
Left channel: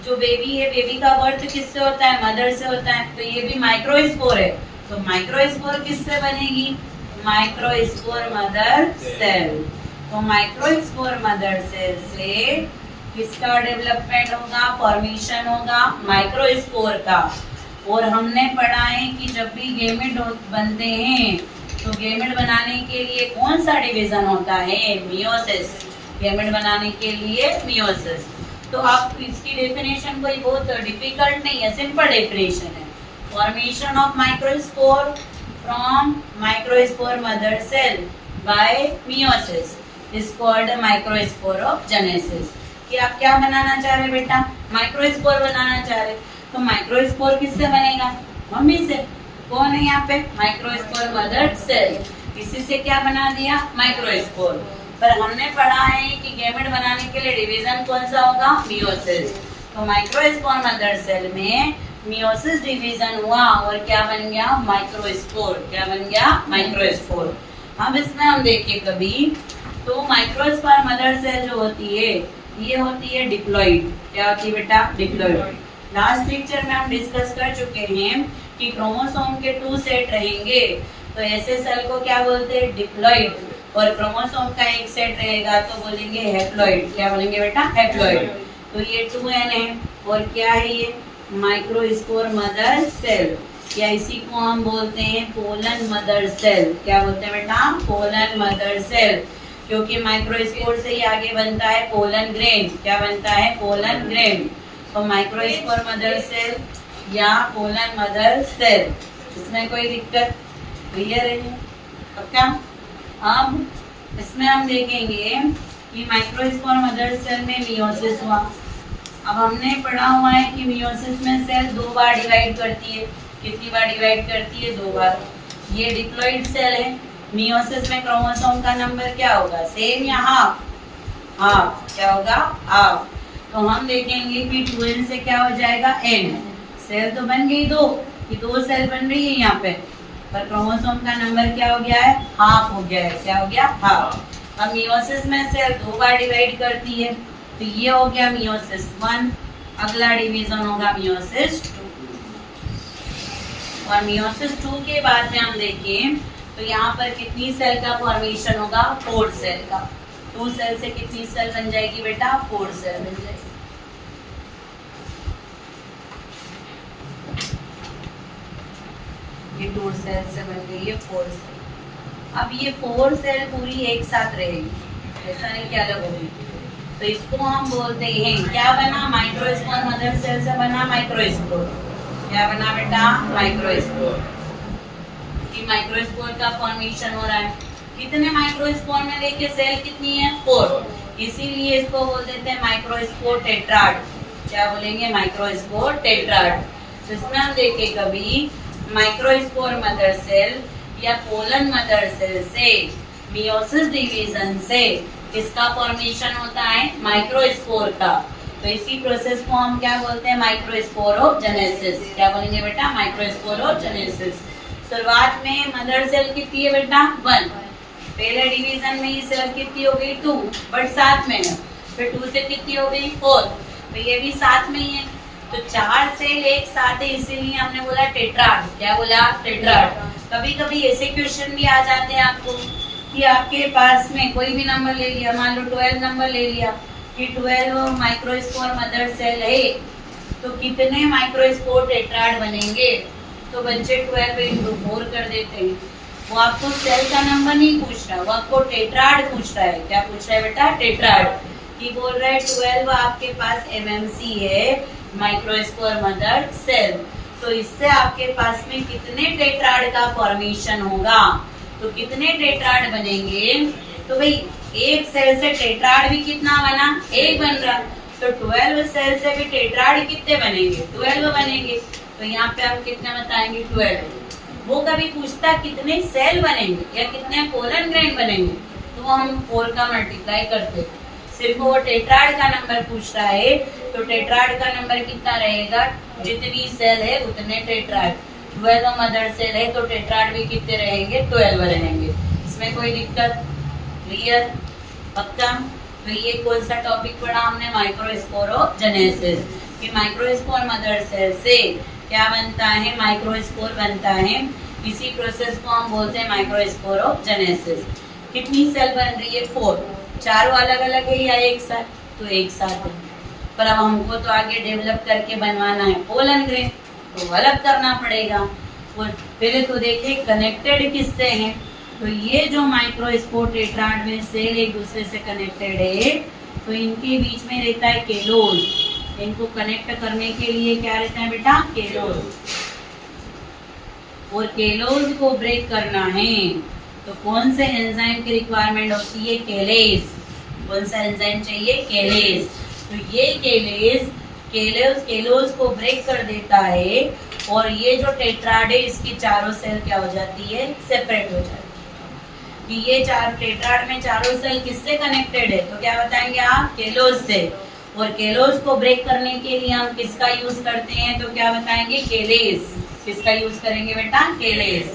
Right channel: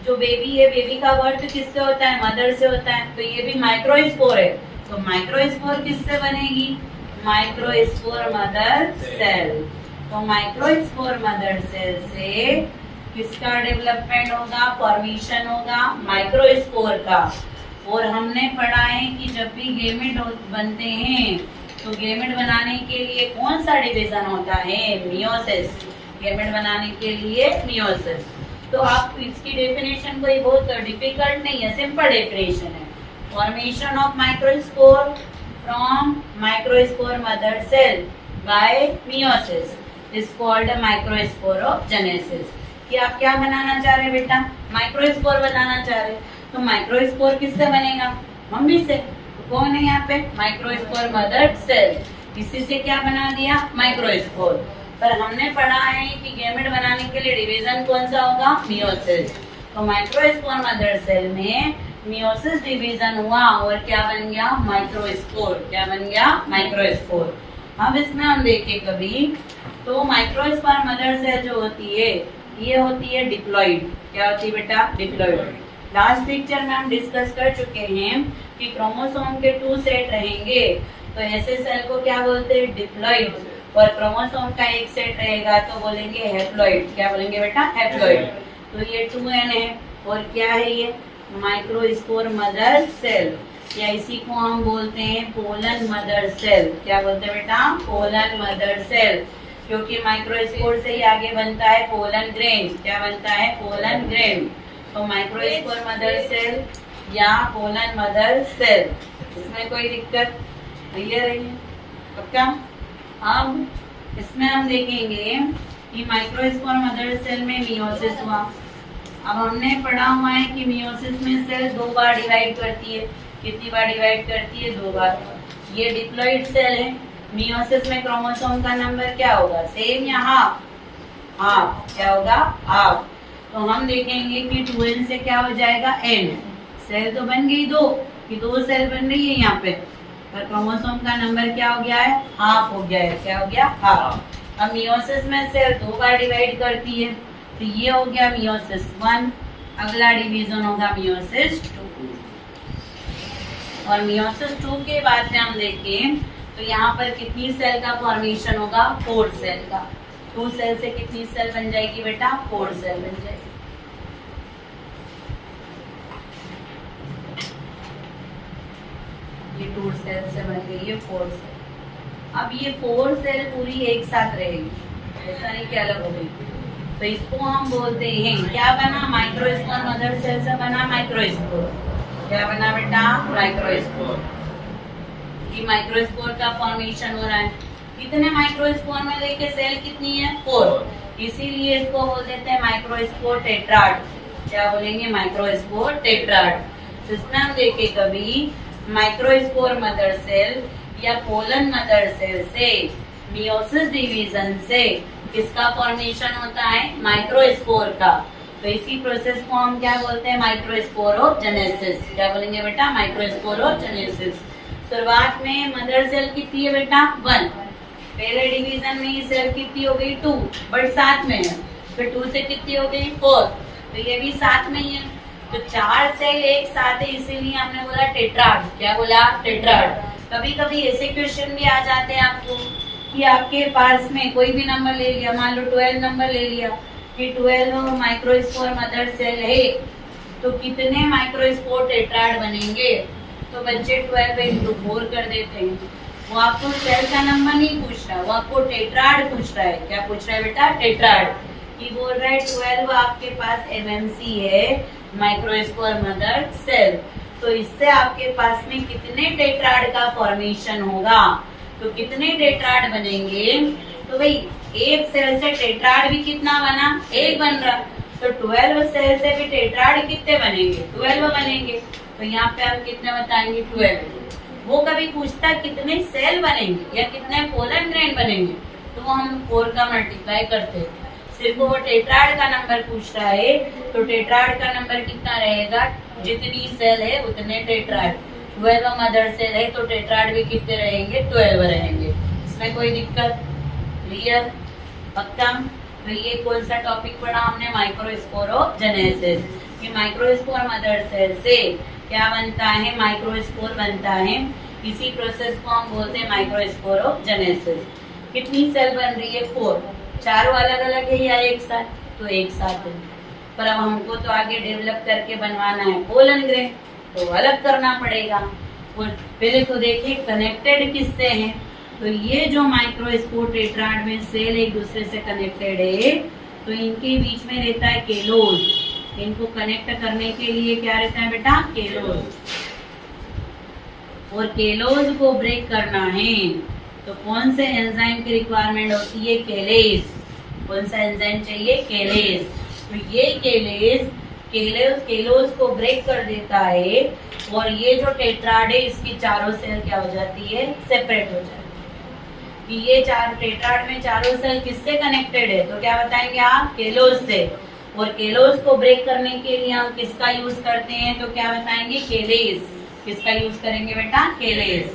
जो बेबी है, बेबी का बर्थ किससे होता है, मदर से होता है, तो ये भी माइक्रोस्पोर है। तो माइक्रोस्पोर किससे बनेगी, माइक्रोस्पोर मदर सेल। तो माइक्रोस्पोर मदर सेल से किसका डेवलपमेंट होगा, फॉर्मेशन होगा माइक्रोस्पोर का। और हमने पढ़ा है कि जब भी गेमेट बनते हैं तो गेमेट बनाने के लिए कौन सा डिवीजन होता है, मियोसिस। गेमेट बनाने के लिए मियोसिस। तो आप इसकी डेफिनेशन कोई बहुत डिफिकल्ट नहीं है, सिंपल डेफिनेशन है। Formation of microspore from microspore mother cell by meiosis is called microsporogenesis. कि आप क्या बनाना चाह रहे बेटा, माइक्रोस्पोर बनाना चाह रहे। तो माइक्रोस्पोर किससे बनेगा, मम्मी से। कौन है यहाँ पे, माइक्रोस्पोर मदर सेल। इसी से क्या बना दिया, माइक्रोस्पोर। पर हमने पढ़ा है कि गैमेट बनाने के लिए डिवीजन कौन सा होगा, मियोसिस। तो माइक्रोस्पोर मदर सेल में मियोसिस डिवीजन हुआ और क्या बन गया, माइक्रोस्पोर। क्या बन गया, माइक्रोस्पोर। अब इसमें हम देखें कभी तो माइक्रोस्पोर मदर सेल जो होती है ये होती है डिप्लॉइड। क्या होती है बेटा, डिप्लॉइड। लास्ट लेक्चर में हम डिस्कस कर चुके हैं कि क्रोमोसोम के 2 सेट रहेंगे तो ऐसे सेल को क्या बोलते हैं, डिप्लॉइड। और क्रोमोसोम का एक सेट रहेगा तो बोलेंगे हैप्लॉइड। क्या बोलेंगे बेटा, हैप्लॉइड। तो ये 2n है और क्या है ये, माइक्रोस्पोर मदर सेल, या इसी को हम बोलते हैं पोलन मदर सेल। क्या बोलते हैं बेटा, पोलन मदर सेल। क्योंकि माइक्रोस्पोर से ही आगे बनता है पोलन ग्रेन। क्या बनता है, पोलन ग्रेन। तो माइक्रोस्पोर मदर सेल या पोलन मदर सेल, इसमें कोई दिक्कत, क्लियर है। अब क्या, अब इसमें हम देखेंगे कि माइक्रोस्पोर मदर सेल में मियोसिस हुआ। अब हमने पढ़ा हुआ है कि मियोसिस में सेल 2 बार डिवाइड करती है। कितनी बार डिवाइड करती है, 2 बार। ये डिप्लॉइड सेल है। मियोसिस में क्रोमोसोम का नंबर क्या होगा, सेम या हाफ, हाफ। क्या होगा, हाफ। तो हम देखेंगे कि 2n से क्या हो जाएगा, n। सेल तो बन गई 2, ये 2 सेल बन रही है यहाँ पे, पर क्रोमोसोम का नंबर क्या हो गया है, हाफ हो गया है। क्या हो गया, हाफ। अब मियोसिस में सेल 2 बार डिवाइड करती है तो ये हो गया मियोसिस 1। अगला डिवीजन होगा मियोसिस 2। और मियोसिस 2 के बाद में हम देखें तो यहाँ पर कितनी सेल का फॉर्मेशन होगा, 4 सेल का। 2 सेल से कितनी सेल बन जाएगी बेटा, 4 सेल बन जाएगी। ये 2 सेल से बन गई है 4 सेल। अब ये 4 सेल पूरी एक साथ रहेगी, ऐसा नहीं कि अलग हो गई। तो इसको हम बोलते हैं, क्या बना, माइक्रोस्पोर मदर सेल से बना माइक्रोस्पोर। क्या बना बेटा, माइक्रोस्पोर। ये माइक्रोस्पोर का फॉर्मेशन हो रहा है। कितने माइक्रोस्पोर में देखिए सेल कितनी है, 4। इसीलिए इसको बोल देते हैं माइक्रोस्पोर टेट्राड। क्या बोलेंगे, माइक्रोस्पोर टेट्राड। तो इसमें हम देखें कभी माइक्रोस्पोर मदर सेल या पोलन मदर सेल से मियोसिस डिवीजन से किसका फॉर्मेशन होता है, माइक्रोस्पोर का। तो इसी प्रोसेस को हम क्या बोलते हैं, माइक्रोस्पोरोजेनेसिस। क्या बोलेंगे बेटा, माइक्रोस्पोरोजेनेसिस। शुरुआत में मदर सेल कितनी है बेटा, 1। पहले डिवीजन में ये सेल कितनी हो गई, 2, बट साथ में है। फिर 2 से कितनी हो गई, 4, तो ये भी साथ में ही है। तो 4 सेल एक साथ है, इसीलिए हमने बोला टेट्राड। क्या बोला, टेट्राड। कभी कभी ऐसे क्वेश्चन भी आ जाते हैं आपको कि आपके पास में कोई भी नंबर ले लिया, मान लो 12 नंबर ले लिया कि 12 माइक्रोस्पोर मदर सेल है तो कितने माइक्रोस्पोर टेट्राड बनेंगे। तो बच्चे 12 इंटू 4 कर देते हैं। वो आपको सेल का नंबर नहीं पूछ रहा, वो आपको टेट्राड पूछ रहा है। क्या पूछ रहा है बेटा? टेट्राड। कि बोल रहा है 12 आपके पास एमएमसी है, माइक्रोस्पोर मदर सेल। तो इससे आपके पास में कितने टेट्राड का फॉर्मेशन होगा? तो कितने टेट्राड बनेंगे? तो भाई एक सेल से टेट्राड भी कितना बना? एक बन रहा। तो 12 सेल से भी टेट्राड कितने बनेंगे? 12 बनेंगे। तो यहाँ पे हम कितने बताएंगे? 12। वो कभी पूछता कितने सेल बनेंगे या कितने पोलन ग्रेन बनेंगे, तो वो हम 4 का मल्टीप्लाई करते। सिर्फ वो टेट्राड का नंबर पूछ रहा है, तो टेट्राड का नंबर कितना रहेगा? जितनी सेल है उतने टेट्राड। 12 मदर सेल है तो टेट्राड भी कितने रहेंगे? 12 रहेंगे। इसमें कोई दिक्कत? क्लियर? पक्का? तो ये कौन सा टॉपिक पढ़ा हमने? माइक्रोस्पोरोजेनेसिस। कि माइक्रोस्पोर मदर सेल से क्या बनता है? माइक्रोस्पोर बनता है। इसी प्रोसेस को हम बोलते हैं माइक्रोस्पोरोजेनेसिस। कितनी सेल बन रही है? 4। चारों अलग अलग है या एक साथ? तो एक साथ है। पर अब हमको तो आगे डेवलप करके बनवाना है पोलन ग्रेन, तो अलग करना पड़ेगा। वो पहले तो देखें कनेक्टेड किससे हैं। तो ये जो माइक्रोस्पोर टेट्राड में सेल एक दूसरे से कनेक्टेड है, तो इनके बीच में रहता है केलोज। इनको कनेक्ट करने के लिए क्या रहता है बेटा? केलोज। और केलोज को ब्रेक करना है तो कौन से एंजाइम की रिक्वायरमेंट होती है? केलेज। कौन सा एंजाइम चाहिए? केलेज। तो ये केलोज को ब्रेक कर देता है और ये जो टेट्राड है इसकी चारों सेल क्या हो जाती है? सेपरेट हो जाती है। कि ये चार टेट्राड में चारों सेल किससे कनेक्टेड है? तो क्या बताएंगे आप? केलोज से। और केलोज को ब्रेक करने के लिए हम किसका यूज करते हैं? तो क्या बताएंगे? केलेज। किसका यूज करेंगे बेटा? केलेज।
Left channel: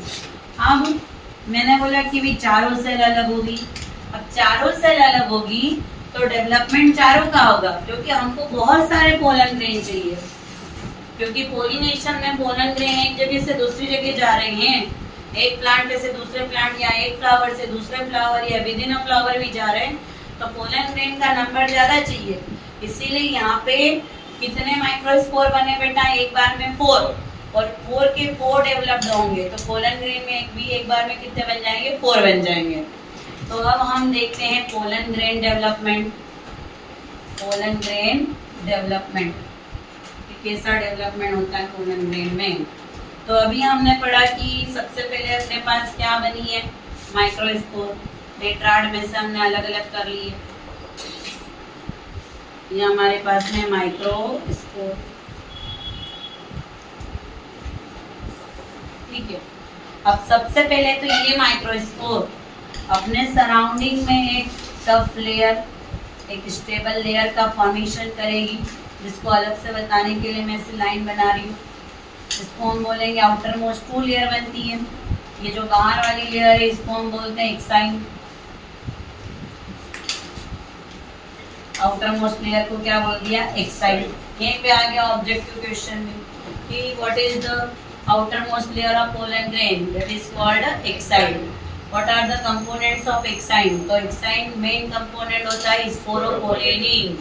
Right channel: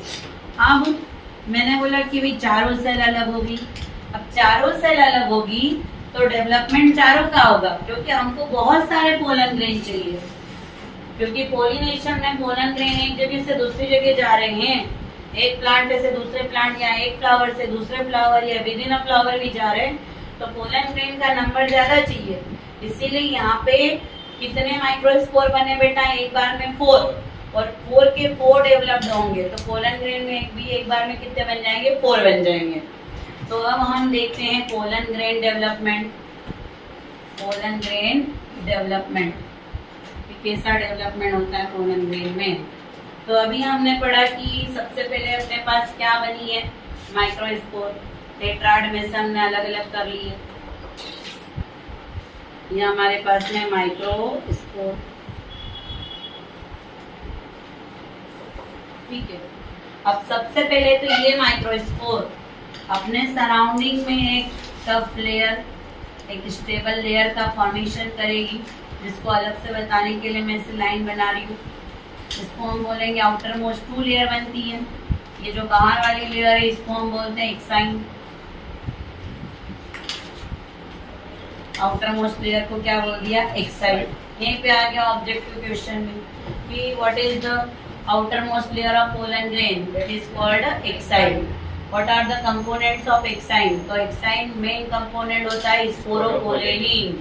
अब मैंने बोला कि भी चारों सेल अलग होगी। अब चारों सेल अलग होगी तो डेवलपमेंट चारों का होगा, क्योंकि हमको बहुत सारे पोलन ग्रेन चाहिए। क्योंकि पोलिनेशन में पोलन ग्रेन एक जगह से दूसरी जगह जा रहे हैं, एक प्लांट से दूसरे प्लांट या एक फ्लावर से दूसरे फ्लावर या विद इन अ फ्लावर भी जा रहे हैं, तो पोलन ग्रेन का नंबर ज्यादा चाहिए। इसीलिए यहाँ पे कितने माइक्रोस्पोर बने बेटा? एक बार में 4। और 4 के 4 डेवलप्ड होंगे, तो पोलन ग्रेन में एक बार में कितने बन जाएंगे? 4 बन जाएंगे। तो अब हम देखते हैं pollen grain development. Pollen grain development कैसा डेवलपमेंट होता है पोलन ग्रेन में? तो अभी हमने पढ़ा कि सबसे पहले अपने पास क्या बनी है? माइक्रोस्पोर। टेट्राड में से हमने अलग अलग कर लिए। ये हमारे पास में माइक्रोस्पोर, ठीक है। अब सबसे पहले तो ये माइक्रोस्पोर अपने सराउंडिंग में एक टफ लेयर, एक स्टेबल लेयर का फॉर्मेशन करेगी, जिसको अलग से बताने के लिए मैं इसे लाइन बना रही हूँ। इसको हम बोलेंगे आउटर मोस्ट 2 लेयर बनती है। ये जो बाहर वाली लेयर है इसको हम बोलते हैं एक्साइन। आउटर मोस्ट लेयर को क्या बोल दिया? एक्साइन। यहीं पे आ गया ऑब्जेक्टिव क्वेश्चन में कि what is the outermost layer of pollen grain? That is called exine. What are the components of exine? तो exine main component होता है स्पोरोपोलेनिन।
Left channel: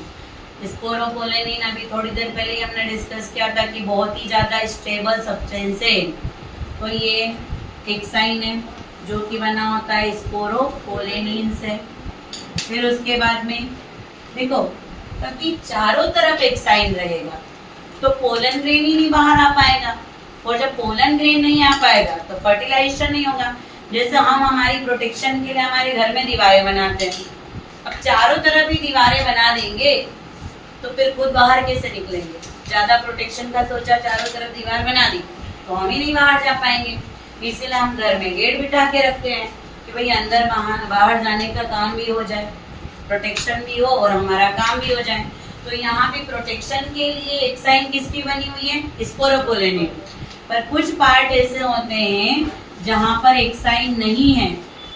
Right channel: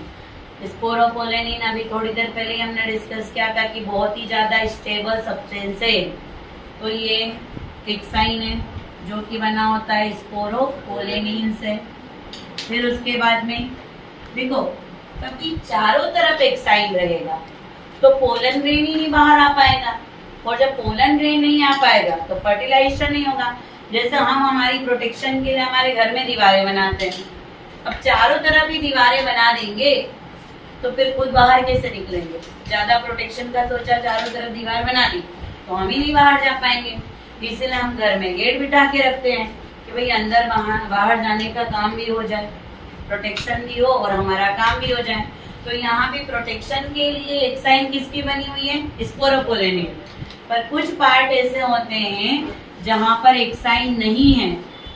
स्पोरोपोलेनिन अभी थोड़ी देर पहले ही हमने डिस्कस किया था कि बहुत ही ज़्यादा स्टेबल सब्सटेंस है। तो ये एक्साइन है जो कि बना होता है स्पोरोपोलेनिन से। फिर उसके बाद में देखो कभी चारों तरफ एक्साइन रहेगा तो पोलन ग्रेन ही नहीं बाहर आ पाएगा, और जब पोलन ग्रेन नहीं आ पाएगा तो फर्टिलाइजेशन नहीं होगा। जैसे हम हमारी प्रोटेक्शन के लिए हमारे घर में दीवारें बनाते हैं, अब चारों तरफ ही दीवारें बना देंगे तो फिर खुद बाहर कैसे निकलेंगे? ज्यादा प्रोटेक्शन का सोचा, चारों तरफ दीवार बना दी तो हम ही नहीं बाहर जा पाएंगे। इसीलिए हम घर में गेट बिठा के रखते हैं कि भाई अंदर बाहर जाने का काम भी हो जाए, प्रोटेक्शन भी हो और हमारा काम भी हो जाए। तो यहाँ भी प्रोटेक्शन के लिए एक्साइन किसकी बनी हुई है? स्पोरोपोलेनिन। पर कुछ पार्ट ऐसे होते हैं जहाँ पर एक्साइन नहीं है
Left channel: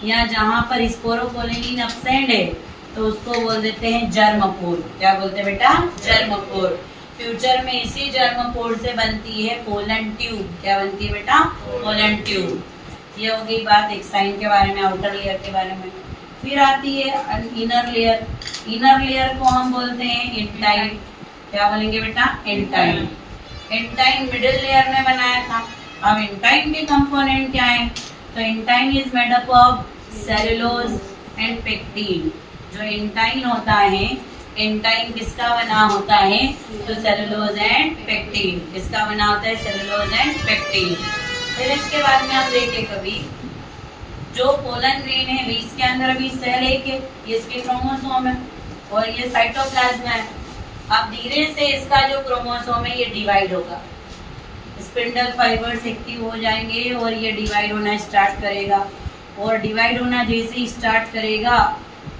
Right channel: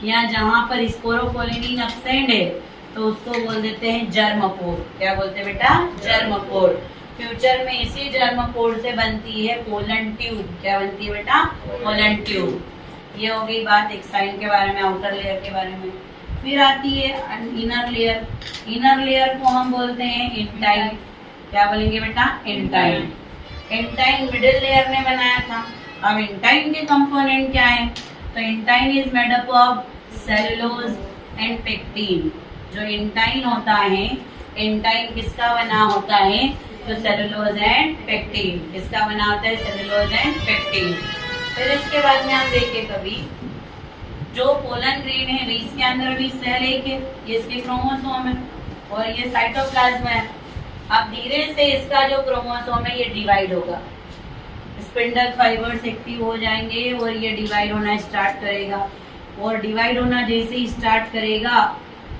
या जहाँ पर स्पोरोपोलेनिन एब्सेंट है, तो उसको बोल देते हैं जर्मपोर। क्या बोलते हैं बेटा? जर्मपोर। फ्यूचर में इसी जर्मपोर से बनती है पोलन ट्यूब। क्या बनती है बेटा? Pollen tube. ये हो गई बात एक्साइन के बारे में, आउटर लेयर के बारे में। फिर आती है इनर लेयर। इनर लेयर को हम बोलते हैं एंटाइन। क्या बोलेंगे बेटा? एंटाइन। एंटाइन मिडिल लेयर ने बनाया था। अब इंटाइन के कंपोनेंट क्या है? तो intine is made up of cellulose and pectin. जो इंटाइन होता है, इंटाइन किसका बना होता है? तो सेलुलोज एंड पेक्टिन। किसका बना होता है? Cellulose and pectin. फिर इसके बाद में आप देखें कभी जो पोलन ग्रेन है इसके अंदर भी सेल है कि ये इसके क्रोमोसोम है और ये साइटोप्लाज्म है। अब धीरे से इसका जो क्रोमोसोम है ये डिवाइड होगा, स्पिंडल फाइबर्स एक्टिव हो जाएंगे और ये डिवाइड होना स्टार्ट करेगा। और डिवाइड होना जैसे ही स्टार्ट करेगा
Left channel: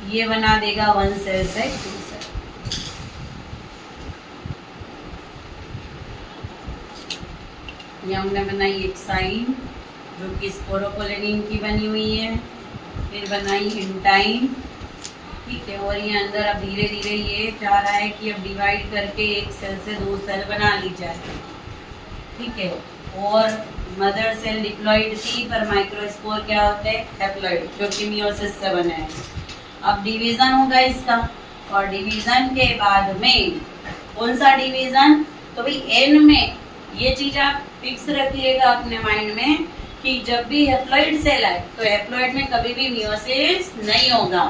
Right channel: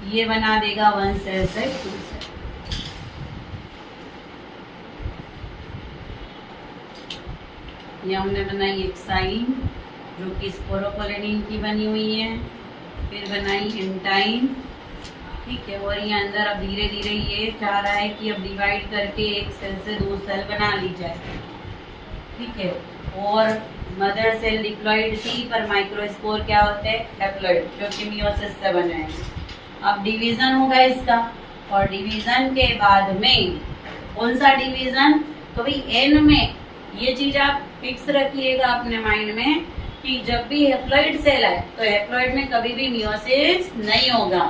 ये बना देगा 1 सेल से 2 सेल। ये हमने बनाई एक साइन जो कि स्पोरोपोलेनिन की बनी हुई है, फिर बनाई इंटाइन, ठीक है। और ये अंदर अब धीरे धीरे ये चाह रहा है कि अब डिवाइड करके 1 सेल से 2 सेल बना ली जाए, ठीक है। और मदर सेल डिप्लॉइड थी पर माइक्रोस्पोर क्या होते हैं? हैप्लॉइड, जो कि मियोसिस से बना है। अब डिवीजन होगा इसका और डिवीजन के बाद में कौन सा डिवीजन? तो भाई एन में ये चीज आप फिक्स रखिएगा अपने माइंड में कि जब भी हैप्लॉइड सेल है तो हैप्लॉइड में कभी भी मियोसिस नहीं होगा।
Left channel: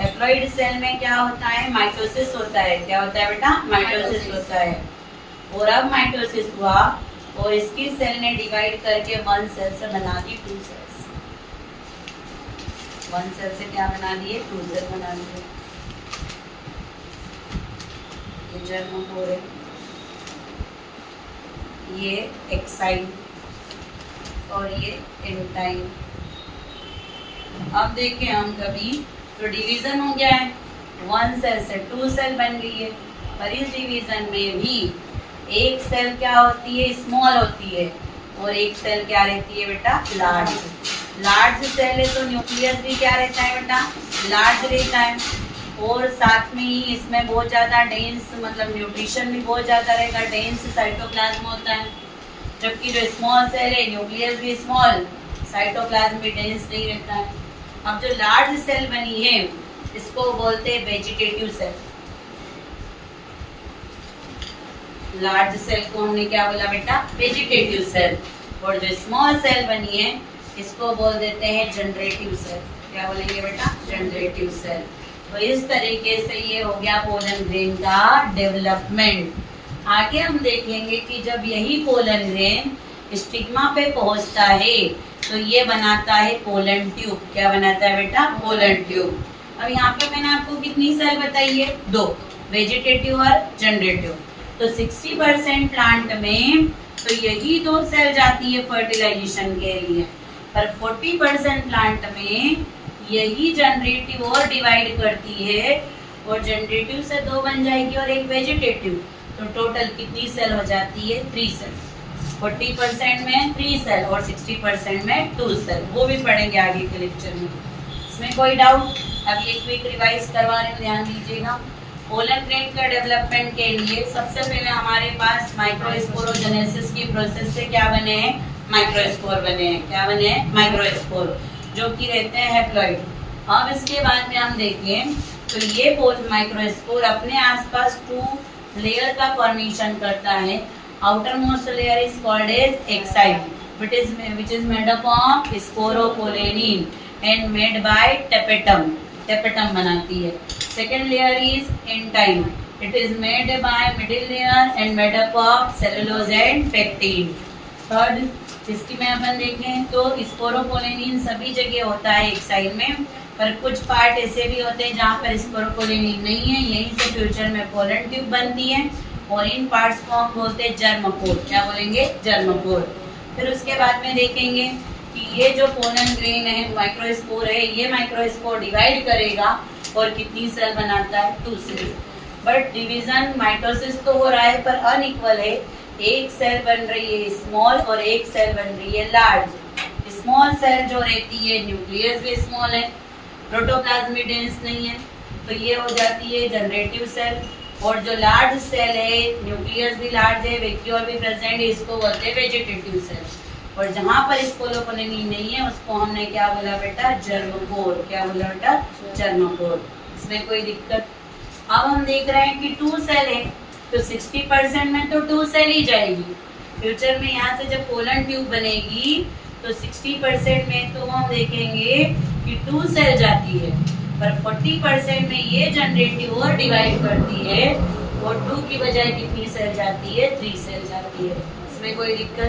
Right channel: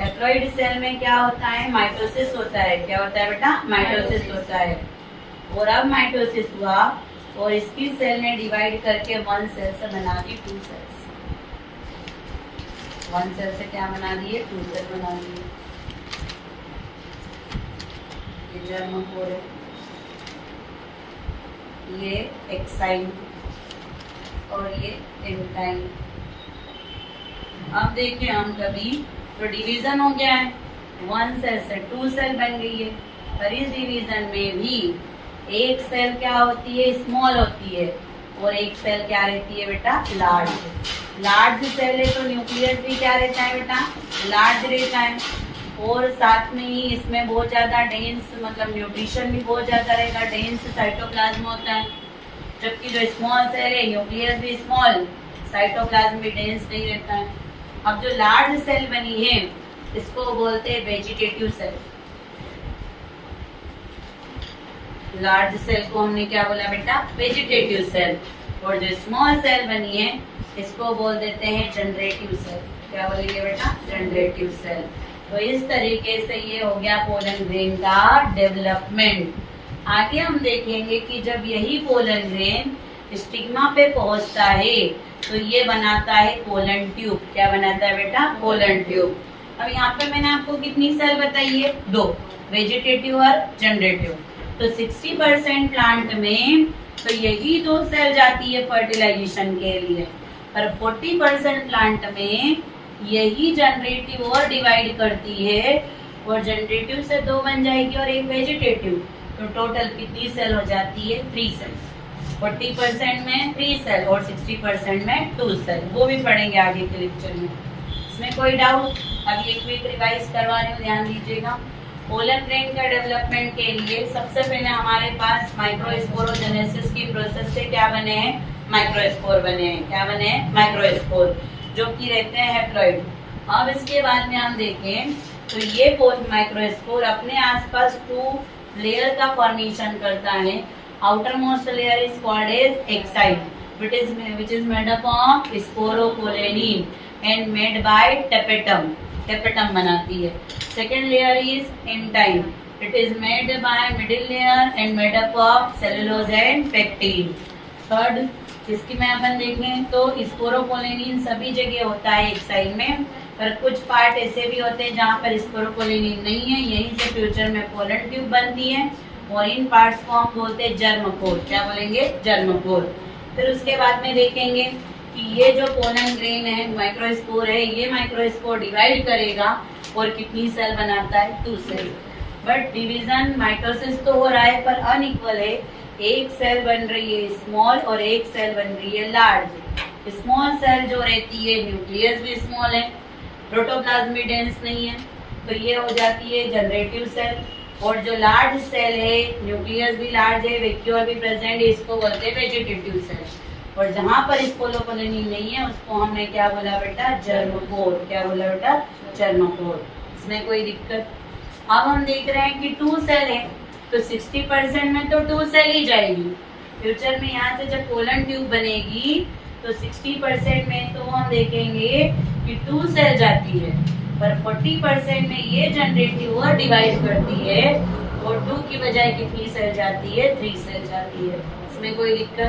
हैप्लॉइड सेल में क्या होता है? माइटोसिस होता है। क्या होता है बेटा? माइटोसिस होता है। और अब माइटोसिस हुआ और इसकी सेल ने डिवाइड करके 1 सेल से बना दी 2 सेल्स। 1 सेल से क्या बना दिए? 2 सेल बना दिए। ये जर्मोफोर है, ये एक्साइन और ये इंटाइन। अब देखें हम कभी तो डिवीजन हो गया है, 1 सेल से 2 सेल बन गई है। पर इस डिवीजन में भी एक सेल क्या होती है? स्मॉल होती है और एक सेल क्या रहती है बेटा? लार्ज। लार्ज सेल है तो न्यूक्लियस भी क्या रहता है बेटा? लार्ज रहता है। और साथ में ही इसमें बहुत ज़्यादा डेंस, मतलब न्यूट्रिशन भी बहुत ज़्यादा रहेगा, डेंस साइटोप्लाज्म होता है। जबकि जो स्मॉल सेल है न्यूक्लियस भी स्मॉल, साइटोप्लाज्म भी डेंस नहीं रहता है। अब जो लार्ज सेल बनी है इसको बोलते हैं वेजिटेटिव सेल। लार्ज सेल को हमने क्या बोला बेटा? Vegetative cell. और जो स्मॉल सेल बनी है इसको बोल देते हैं जनरेटिव सेल। क्या बोलेंगे बेटा? Generative cell. तो इस तरीके से ये हो गया पोलन ग्रेन का डेवलपमेंट। आगे हम देखेंगे कि जब यही पोलन ग्रेन स्टिग्मा पे पहुंचता है तो ये बनाता है पोलन ट्यूब। क्या बनाता है बेटा? Pollen tube. अब यहाँ पे मैंने आपको कितनी सेल बताई है? 2, वेजिटेटिव और जनरेटिव। तो 60% प्लांट में तो यही 2 सेल जाती है फर्टिलाइजेशन के लिए, पर 40% प्लांट में यही जनरेटिव और डिवाइड करती है और जनरेटिव से 2 बन जाएगी और एक वेजिटेटिव। तो टोटल कितनी सेल हो जाती है? 3 सेल। 40% में 3 सेल और 60% में 2 सेल। वो भी पढ़ेंगे आगे के लेक्चर में। इसमें कोई डाउट? अभी एक क्विक रिवाइज करवा रहे हो, ध्यान दीजिएगा। पोलन ग्रेन के डेवलपमेंट के लिए सबसे पहले हमारे पास माइक्रोस्पोरोजेनेसिस की प्रोसेस से क्या बने हैं? माइक्रोस्पोर बने हैं। क्या बने हैं? माइक्रोस्पोर, जो कि रहते हैं हैप्लॉइड। अब इसके बाद में हम देखें तो ये माइक्रोस्पोर अपने आसपास 2 लेयर का फॉर्मेशन करता है। Outermost layer is called as exine which is made up of sporopollenin and made by tapetum बनाती है। Second layer is intine, it is made by middle layer and made up of cellulose and pectin. Third इसकी में अपन देखें तो sporopollenin सभी जगह होता है एक साइड में, पर कुछ पार्ट ऐसे भी होते हैं जहाँ पर स्पोरोपोलेनिन नहीं है। यहीं से फ्यूचर में पोलन ट्यूब बनती है और इन पार्ट्स को हम बोलते हैं जर्मपोर। क्या बोलेंगे? जर्मपोर। फिर उसके बाद में देखेंगे कि ये जो पोलन ग्रेन है, माइक्रोस्पोर है, ये माइक्रोस्पोर डिवाइड करेगा और कितनी सेल बनाता है? 2 सेल। बट डिवीजन माइटोसिस तो हो रहा है पर अनइक्वल है। एक सेल बन रही है स्मॉल और एक सेल बन रही है लार्ज। स्मॉल सेल जो रहती है न्यूक्लियस भी स्मॉल है, प्रोटोप्लाज्म भी डेंस नहीं है, तो ये हो जाती है जनरेटिव सेल। और जो लार्ज सेल है न्यूक्लियस भी लार्ज है, वैक्यूल भी प्रेजेंट है, इसको बोलते हैं वेजिटेटिव सेल। और जहाँ पर स्पोरोपोलेनिन नहीं है उसको हमने क्या बोला बेटा? जर्मोपोर। क्या बोला बेटा? जर्मोपोर। इसमें कोई दिक्कत? अब हम देख रहे हैं कि 2 सेल है तो 60% में तो 2 सेल ही जाएगी, फ्यूचर में यहाँ से जब कोलन ट्यूब बनेगी तो 60% में तो हम देखेंगे कि 2 सेल जाती है, पर 40% में ये जनरेटिव और डिवाइड करती है और 2 की बजाय कितनी सेल जाती है, 3 सेल जाती है। इसमें कोई दिक्कत